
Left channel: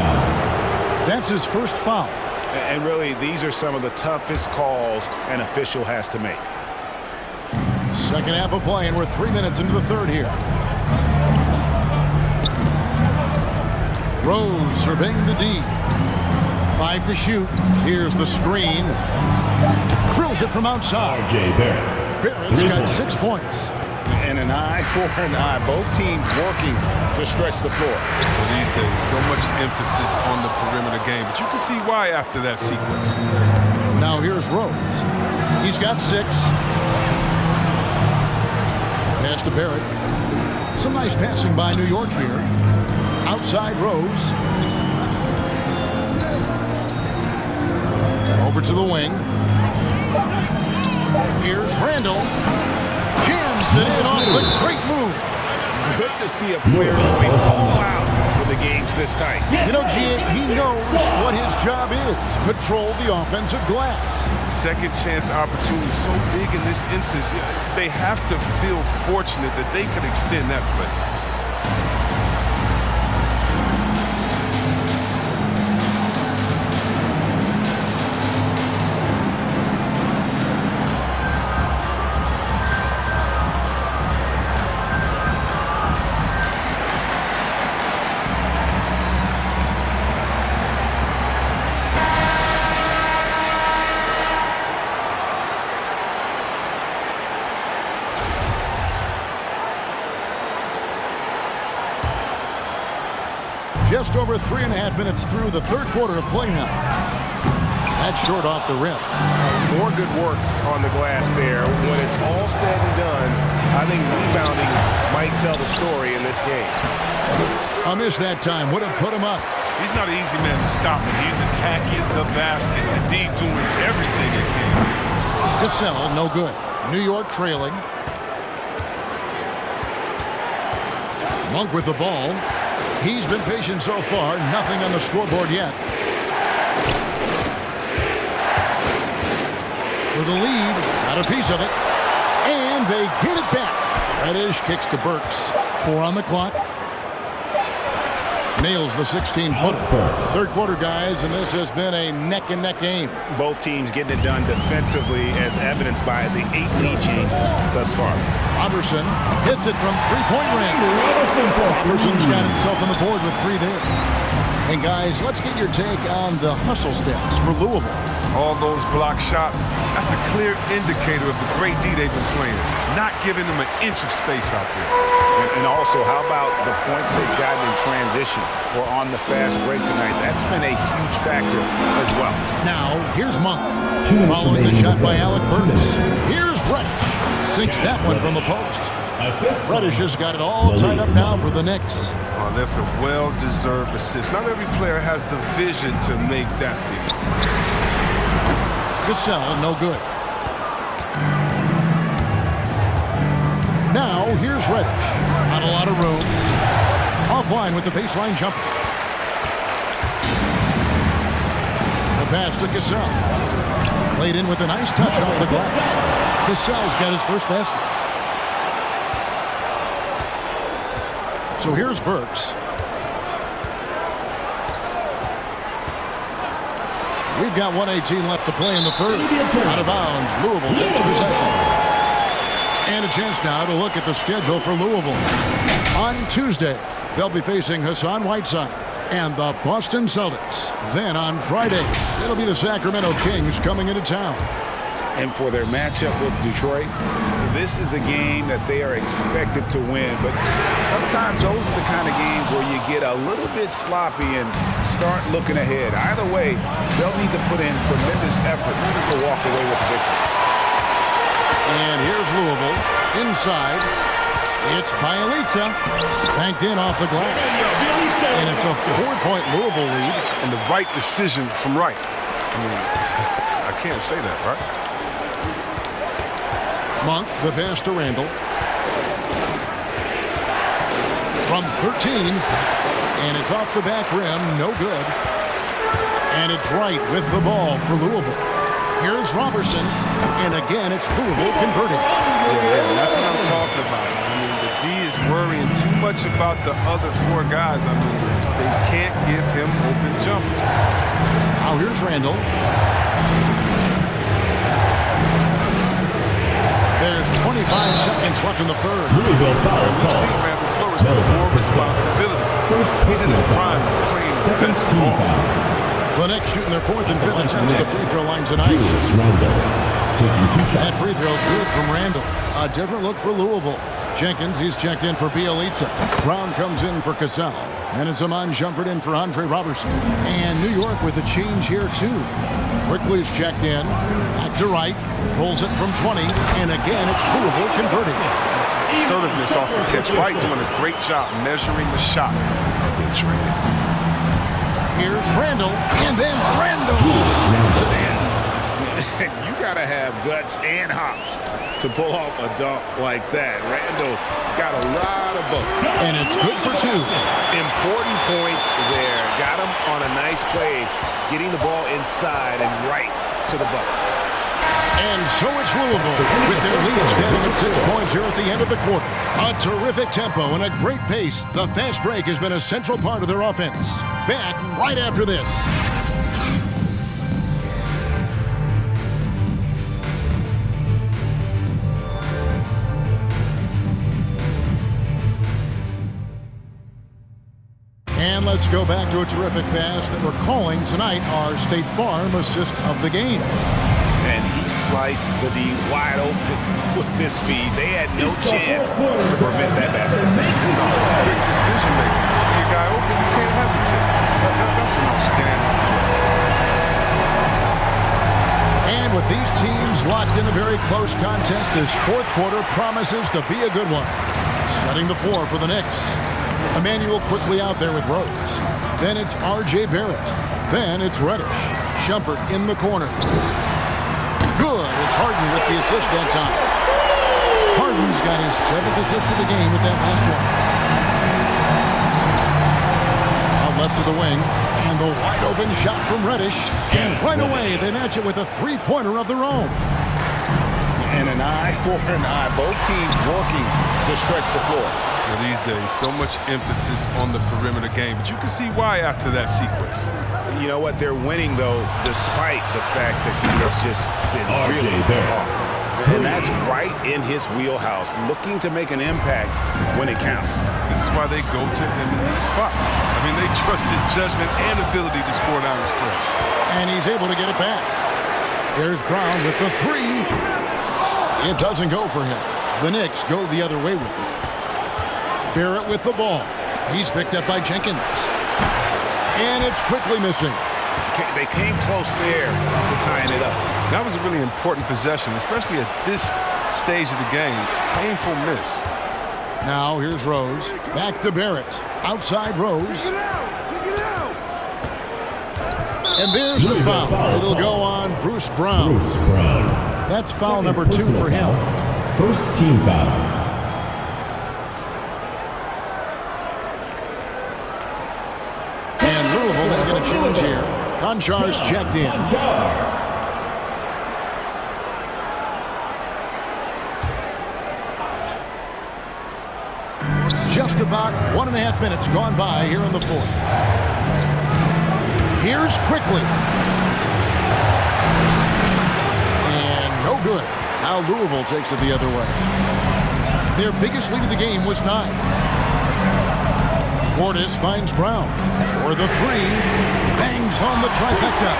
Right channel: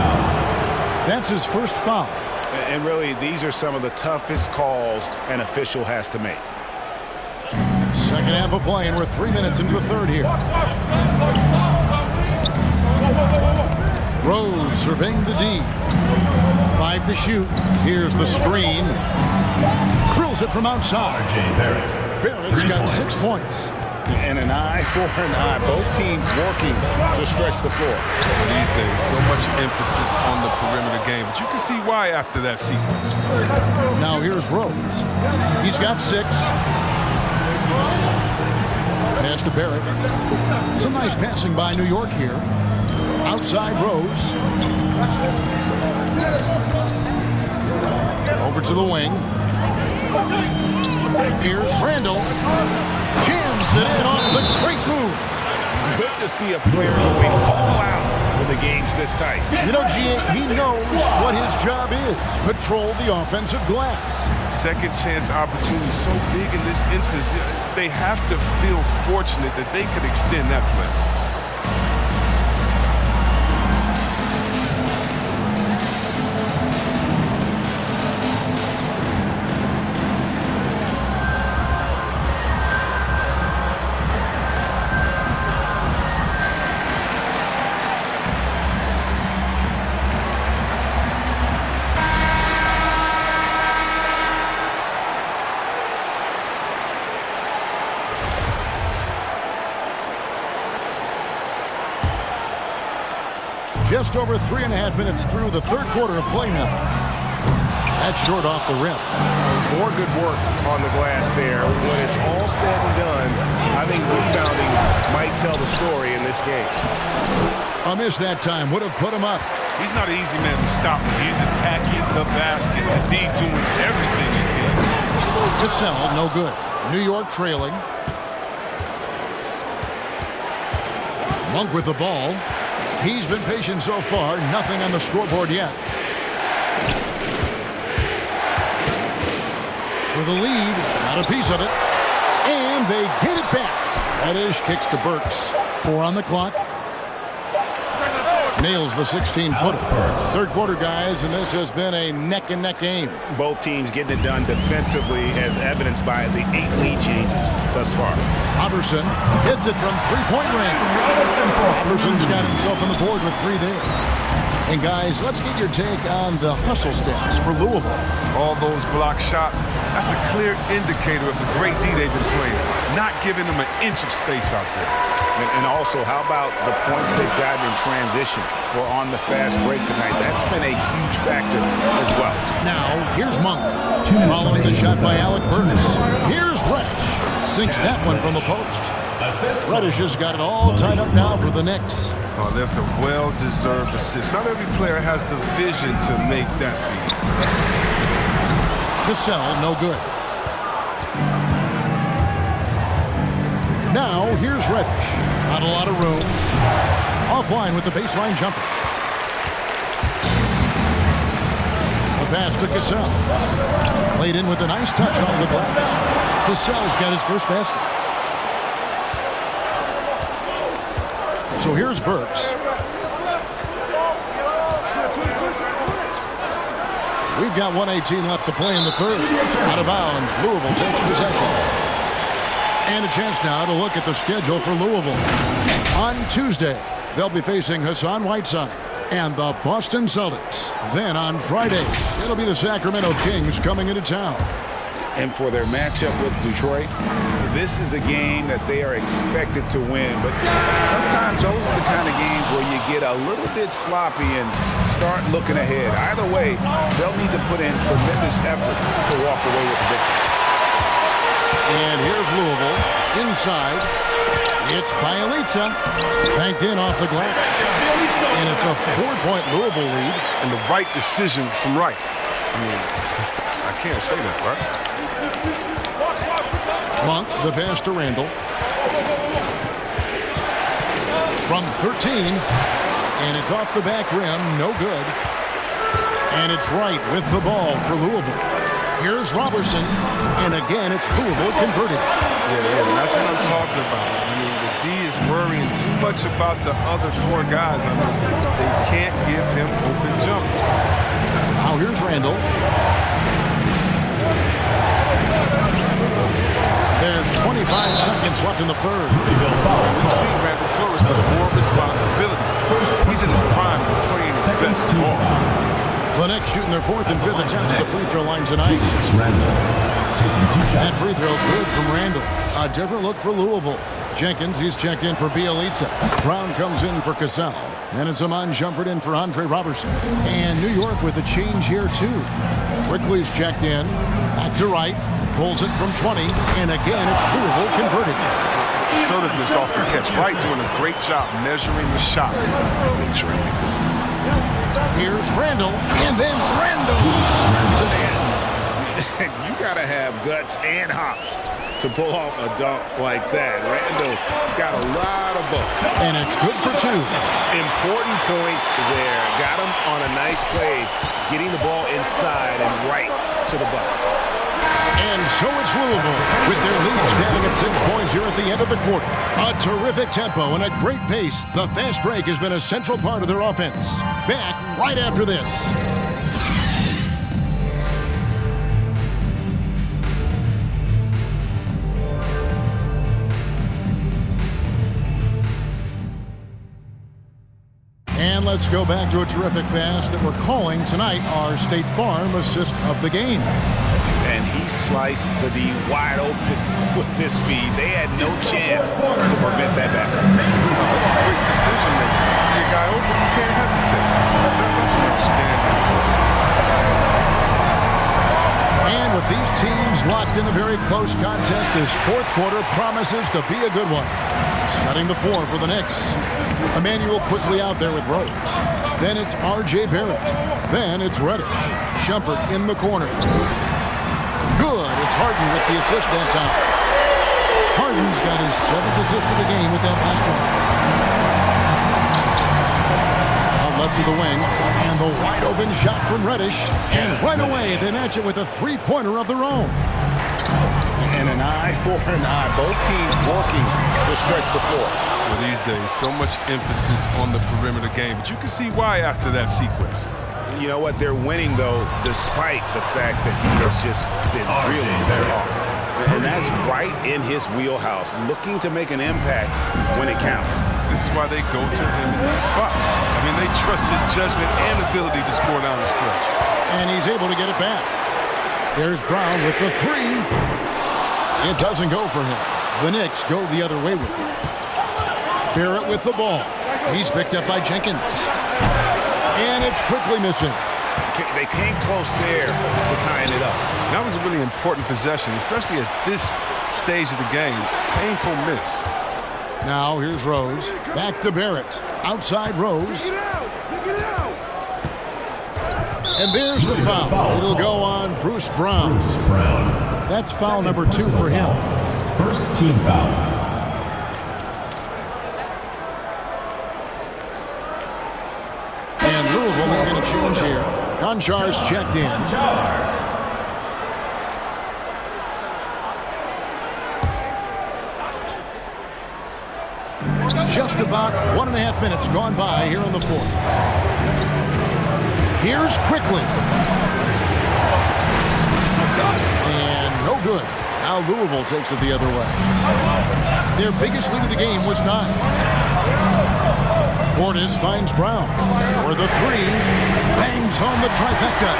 That's his first foul. And really, these are some of the toughest calls an official has to make. Second half of play, and we're 3 minutes into the third here. Rose surveying the D. 5 to shoot. Here's the screen. Drills it from outside. R.J. Barrett. Barrett's got 6 points. And an eye for an eye. Both teams working to stretch the floor. Well, these days, so much emphasis on the perimeter game, but you can see why after that sequence. Now here's Rose. He's got 6. Pass to Barrett. Some nice passing by New York here. Outside Rose. Over to the wing. Here's Randall. Jams it in off the great move. Good to see a player going all out when the game's this tight. You know, G.A., he knows what his job is. Patrol the offensive glass. Second chance opportunity so big in this instance. They have to feel fortunate that they could extend that play. Just over 3.5 minutes through the third quarter of play now. That's short off the rim. More good work on the glass there. When it's all said and done, I think rebounding might tell the story in this game. A miss that time would have put him up. He's not an easy man to stop when he's attacking the basket. The D doing everything it can. Cassell, no good. New York trailing. Monk with the ball. He's been patient so far. Nothing on the scoreboard yet. For the lead. Got a piece of it. And they get it back. Reddish kicks to Burks. 4 on the clock. Nails the 16-footer. Third quarter, guys, and this has been a neck-and-neck game. Both teams getting it done defensively, as evidenced by the 8 lead changes thus far. Robertson hits it from three-point range. Robertson's got himself on the board with 3 there. And, guys, let's get your take on the hustle stats for Louisville. All those block shots, that's a clear indicator of the great D they've been playing, not giving them an inch of space out there. And also, how about the points they've gotten in transition or on the fast break tonight? That's been a huge factor as well. Now, here's Monk. Following the shot by Alec Burks. Here's Reddish. Sinks that one from the post. Reddish has got it all tied up now for the Knicks. Oh, that's a well-deserved assist. Not every player has the vision to make that feed. Cassell, no good. Now, here's Reddish. Not a lot of room. Offline with the baseline jumper. The pass to Cassell. Played in with a nice touch off the glass. Cassell's got his first basket. So here's Burks. We've got 1:18 left to play in the third. Out of bounds, Louisville takes possession. And a chance now to look at the schedule for Louisville. On Tuesday, they'll be facing Hassan Whiteside and the Boston Celtics. Then on Friday, it'll be the Sacramento Kings coming into town. And for their matchup with Detroit, this is a game that they are expected to win. But sometimes those are the kind of games where you get a little bit sloppy and start looking ahead. Either way, they'll need to put in tremendous effort to walk away with the victory. And here's Louisville inside. It's Bielitsa. Banked in off the glass. And it's a 4-point Louisville lead. And the right decision from Wright. I mean, I can't say that, right? Monk, the pass to Randall. From 13. And it's off the back rim. No good. And it's Wright with the ball for Louisville. Here's Robertson, and again it's Louisville converting. Yeah, that's what I'm talking about. I mean, the D is worrying too much about the other 4 guys. I mean, they can't give him open jumpers. Now here's Randall. There's 25 seconds left in the third. Louisville foul. We've seen Randall flourish with more responsibility. He's in his prime and playing his best ball. The Knicks shooting their 4th and 5th attempts at the free throw line tonight. Taking 2 shots. That free throw good from Randall. A different look for Louisville. Jenkins, he's checked in for Bielitsa. Brown comes in for Cassell. And it's Amon Shumpert in for Andre Robertson. And New York with a change here, too. Quickly's checked in. Back to Wright. Pulls it from 20. And again, it's Louisville converting. Assertiveness off the catch. Wright doing a great job measuring the shot. Then draining. Here's Randall. And then Randall slams it in. You got to have guts and hops to pull off a dunk like that. Randall got a lot of both. And it's good for 2. Important points there. Got him on a nice play, getting the ball inside and right to the bucket. And so it's Louisville with their lead standing at 6 points here at the end of the quarter. A terrific tempo and a great pace. The fast break has been a central part of their offense. Back right after this. And let's go back to a terrific pass that we're calling tonight our State Farm assist of the game. And he sliced the D wide open with this speed. They had no chance to prevent that basket. That's quick decision making. You see a guy open, you can't hesitate. That's an outstanding play. And with these teams locked in a very close contest, this 4th quarter promises to be a good one. Setting the floor for the Knicks. Emmanuel quickly out there with Rose. Then it's R.J. Barrett. Then it's Reddish. Shumpert in the corner. Good. It's Harden with the assist that time. Harden's got his 7th assist of the game with that last one. Out left to the wing. And the wide open shot from Reddish. And right away they match it with a 3-pointer of their own. And an eye for an eye. Both teams working to stretch the floor. Well, these days, so much emphasis on the perimeter game, but you can see why after that sequence. You know what? They're winning, though, despite the fact that he has just been really off. And that's right in his wheelhouse, looking to make an impact when it counts. This is why they go to him in these spots. I mean, they trust his judgment and ability to score down the stretch. And he's able to get it back. There's Brown with the 3. It doesn't go for him. The Knicks go the other way with it. Barrett with the ball. He's picked up by Jenkins. And it's quickly missing. They came close there to tying it up. That was a really important possession, especially at this stage of the game. Painful miss. Now here's Rose. Back to Barrett. Outside Rose. And there's the foul. It'll go on Bruce Brown. That's foul number 2 for him. First team foul. And Louisville making a change here. Konchar's checked in. Just about 1.5 minutes gone by here in the 4th. Here's Quickly. And no good. Now Louisville takes it the other way. Their biggest lead of the game was 9. Portis finds Brown for the 3. Bangs on the trifecta.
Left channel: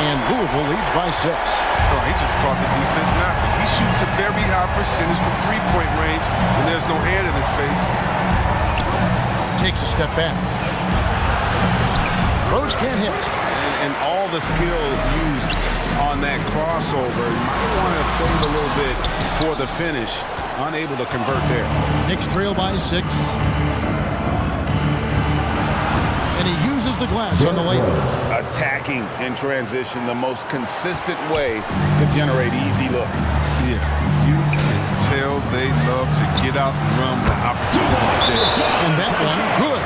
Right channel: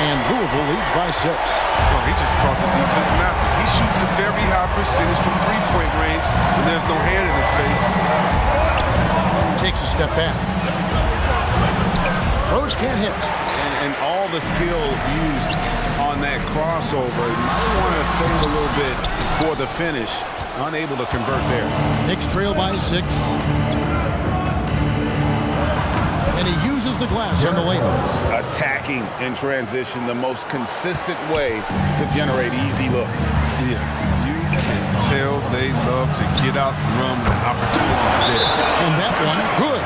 And Louisville leads by 6. Oh, he just caught the defense napping. He shoots a very high percentage from 3-point range when there's no hand in his face. Takes a step back. Rose can't hit. And all the skill used on that crossover. Might want to save a little bit for the finish. Unable to convert there. Knicks trail by 6. And he uses the glass on the layup. Attacking in transition, the most consistent way to generate easy looks. Yeah, you can tell they love to get out and run when the opportunity is there. And that one, good.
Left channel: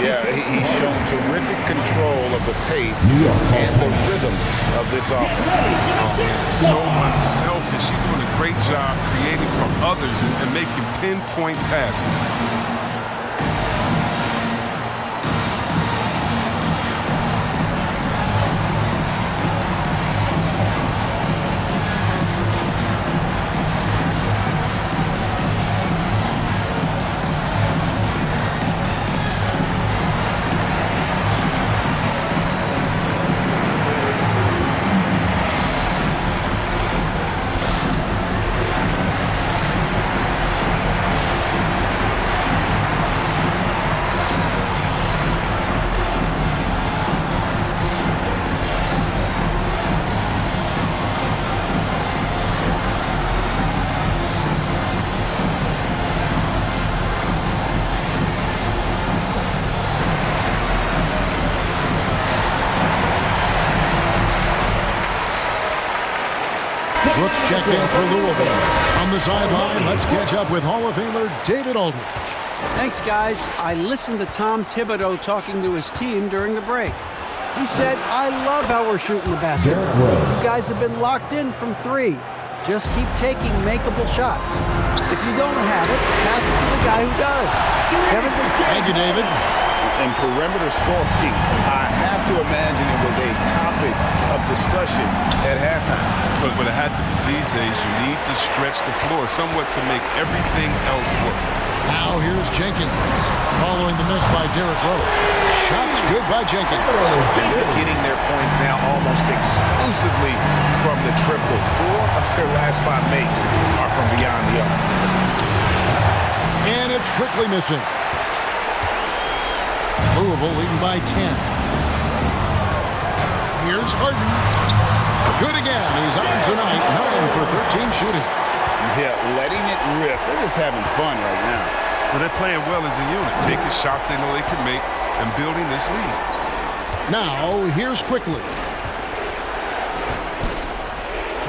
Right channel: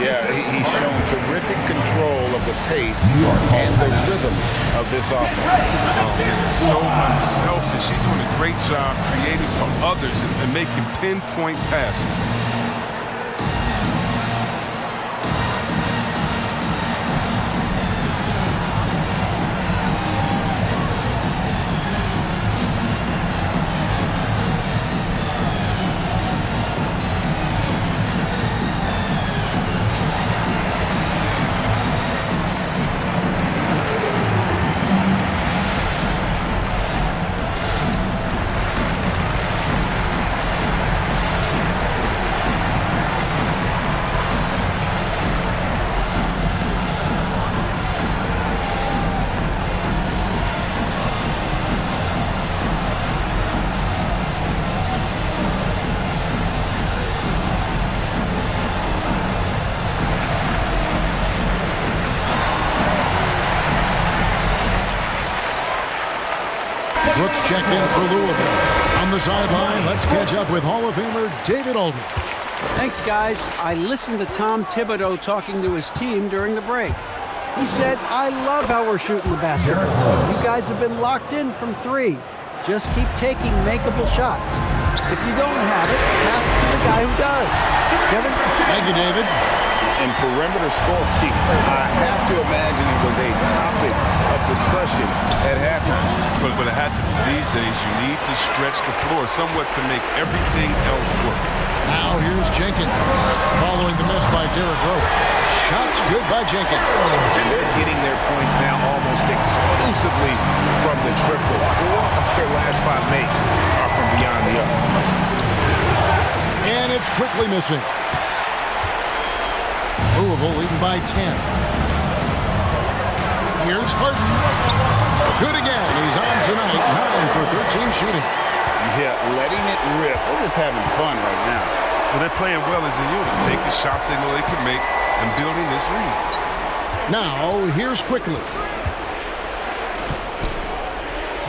Yeah, he's shown terrific control of the pace and the rhythm of this offense. Oh, man, so unselfish. He's doing a great job creating for others and making pinpoint passes. Brooks checked in for Louisville. On the sideline, let's catch up with Hall of Famer David Aldridge. Thanks, guys. I listened to Tom Thibodeau talking to his team during the break. He said, I love how we're shooting the basketball. You guys have been locked in from 3. Just keep taking makeable shots. If you don't have it, pass it to the guy who does. Kevin? Thank you, David. And perimeter scoring, I have to imagine it was a topic of discussion at halftime. But it had to be. These days, you need to stretch the floor somewhat to make everything else work. Now here's Jenkins. Following the miss by Derrick Rose. Shots good by Jenkins. And they're getting their points now almost exclusively from the triple. 4 of their last 5 makes are from beyond the arc. And it's quickly missing. Louisville leading by 10. Here's Harden. Good again. He's on tonight. 9 for 13 shooting. Yeah, letting it rip. They're just having fun right now. Well, they're playing well as a unit, taking shots they know they can make and building this lead. Now, here's Quickly.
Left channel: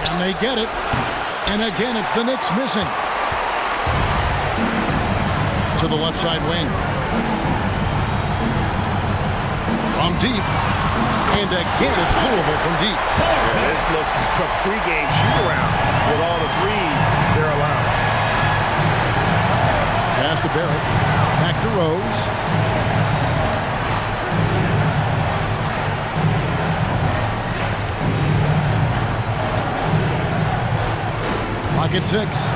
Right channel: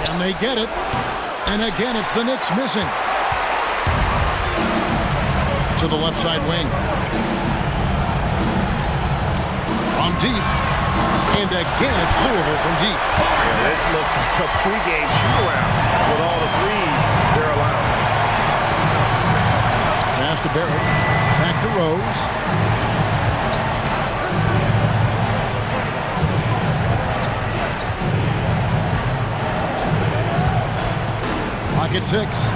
Can they get it? And again, it's the Knicks missing. To the left side wing. From deep. And again, it's Louisville from deep. Yeah, this looks like a pregame shoot-around with all the threes they're allowing. Pass to Barrett. Back to Rose. Pocket 6.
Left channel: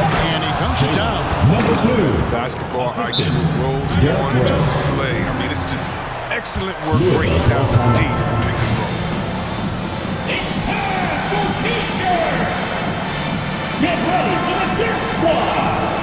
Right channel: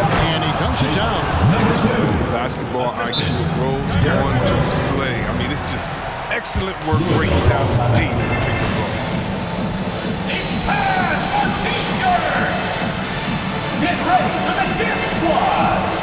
And he dunks it down. Number 2. The basketball IQ of Rose on display. I mean, it's just excellent work breaking down the D in the pick and roll. It's time for T-shirts. Get ready for the Dip Squad.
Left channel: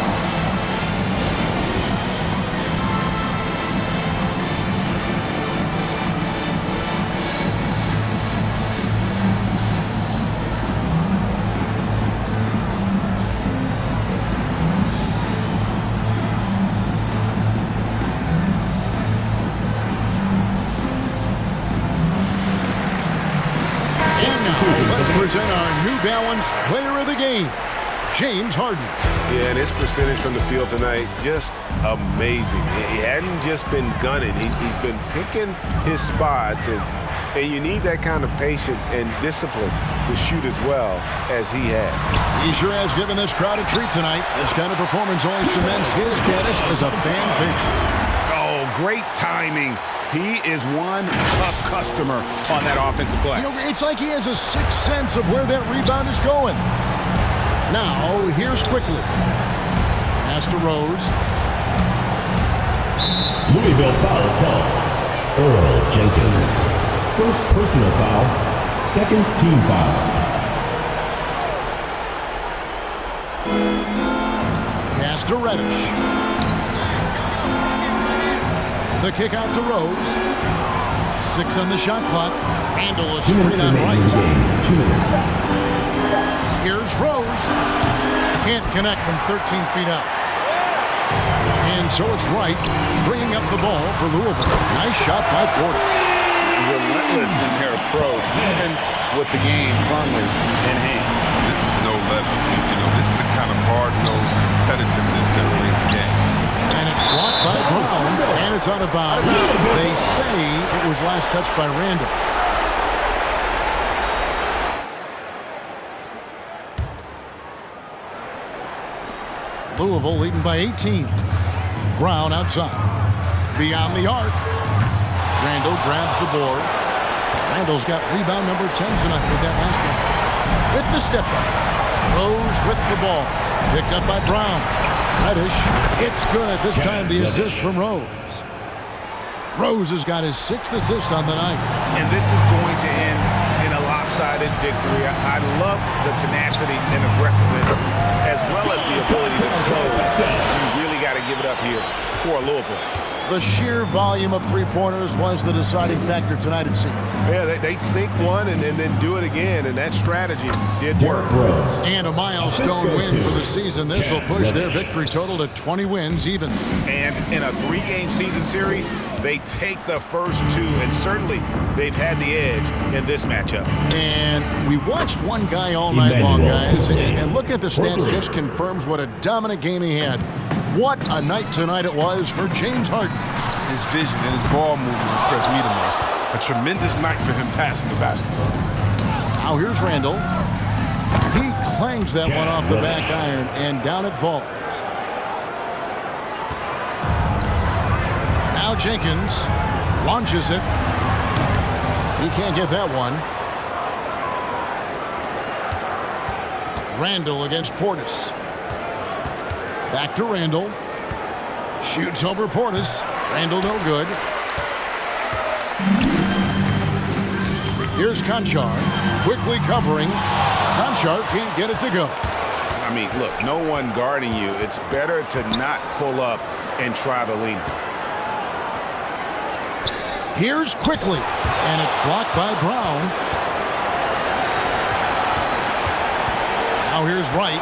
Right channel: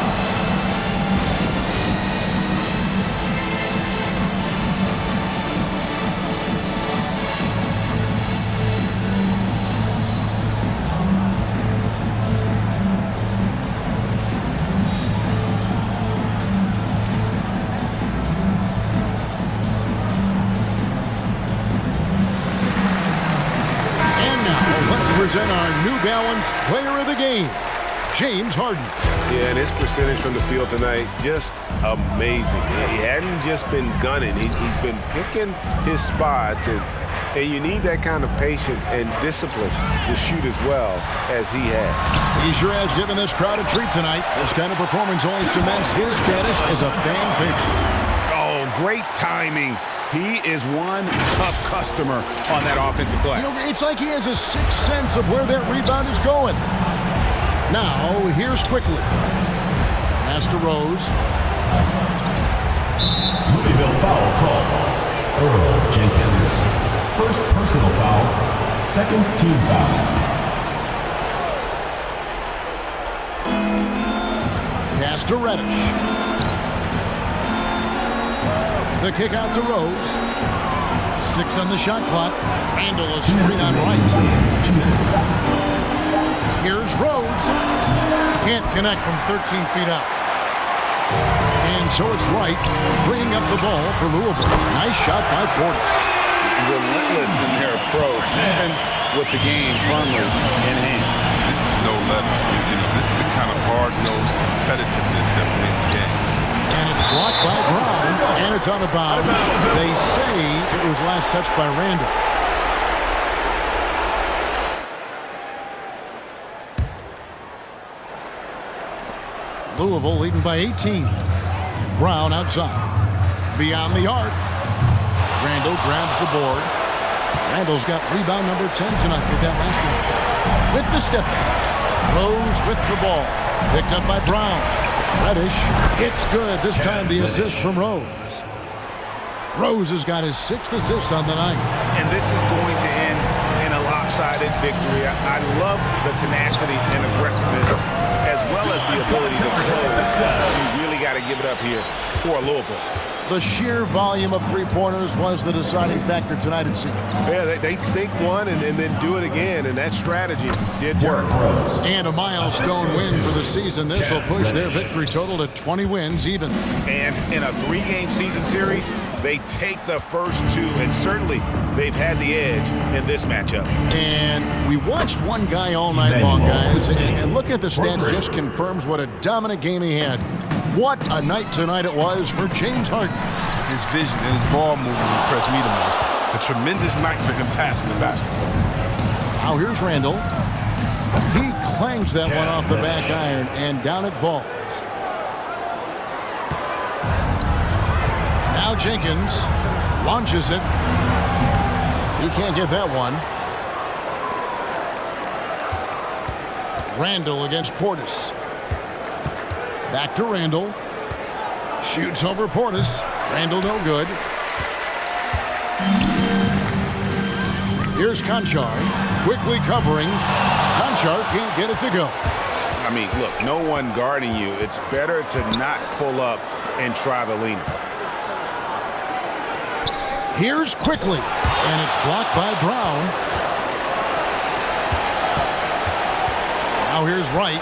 Let's present our New Balance Player of the Game, James Harden. Yeah, and his percentage from the field tonight, just amazing. He hadn't just been gunning. He's been picking his spots, and you need that kind of patience and discipline to shoot as well as he had. He sure has given this crowd a treat tonight. This kind of performance only cements his status as a fan favorite. Oh, great timing. He is one tough customer on that offensive glass. You know, it's like he has a sixth sense of where that rebound is going. Now, here's Quickly. Pass to Rose. Louisville foul call. Earl Jenkins. First personal foul. Second team foul. Pass to Reddish. The kick out to Rose. 6 on the shot clock. Randall is screen on right. 2 minutes. Here's Rose. Can't connect from 13 feet out. And so it's Wright bringing up the ball for Louisville. Nice shot by Portis. Relentless in their approach, even with the game firmly in hand. This is no let-up. You know, this is the kind of hard-nosed competitiveness that wins games. And it's blocked by Brown, and it's out of bounds. They say it was last touched by Randall. Louisville leading by 18. Brown outside. Beyond the arc. Randall grabs the board. Randall's got rebound number 10 tonight with that last one. With the step back. Rose with the ball. Picked up by Brown. Reddish. It's good. This time the assist from Rose. Rose has got his 6th assist on the night. And this is going to end in a lopsided victory. I love the tenacity and aggressiveness as well as the ability to close. You really got to give it up here for Louisville. The sheer volume of three-pointers was the deciding factor tonight, it seemed. Yeah, they'd sink one and then do it again, and that strategy did work. And a milestone win for the season. This will push their victory total to 20 wins even. And in a 3-game season series, they take the first 2, and certainly they've had the edge in this matchup. And we watched one guy all night long, guys, and looking at the stats just confirms what a dominant game he had. What a night tonight it was for James Harden. His vision and his ball movement impressed me the most. A tremendous night for him passing the basketball. Now here's Randall. He clangs that one off the back iron, and down it falls. Now Jenkins launches it. He can't get that one. Randall against Portis. Back to Randall. Shoots over Portis. Randall no good. Here's Conchar. Quickly covering. Conchar can't get it to go. I mean, look, no one guarding you. It's better to not pull up and try the leaner. Here's Quickly. And it's blocked by Brown. Now here's Wright.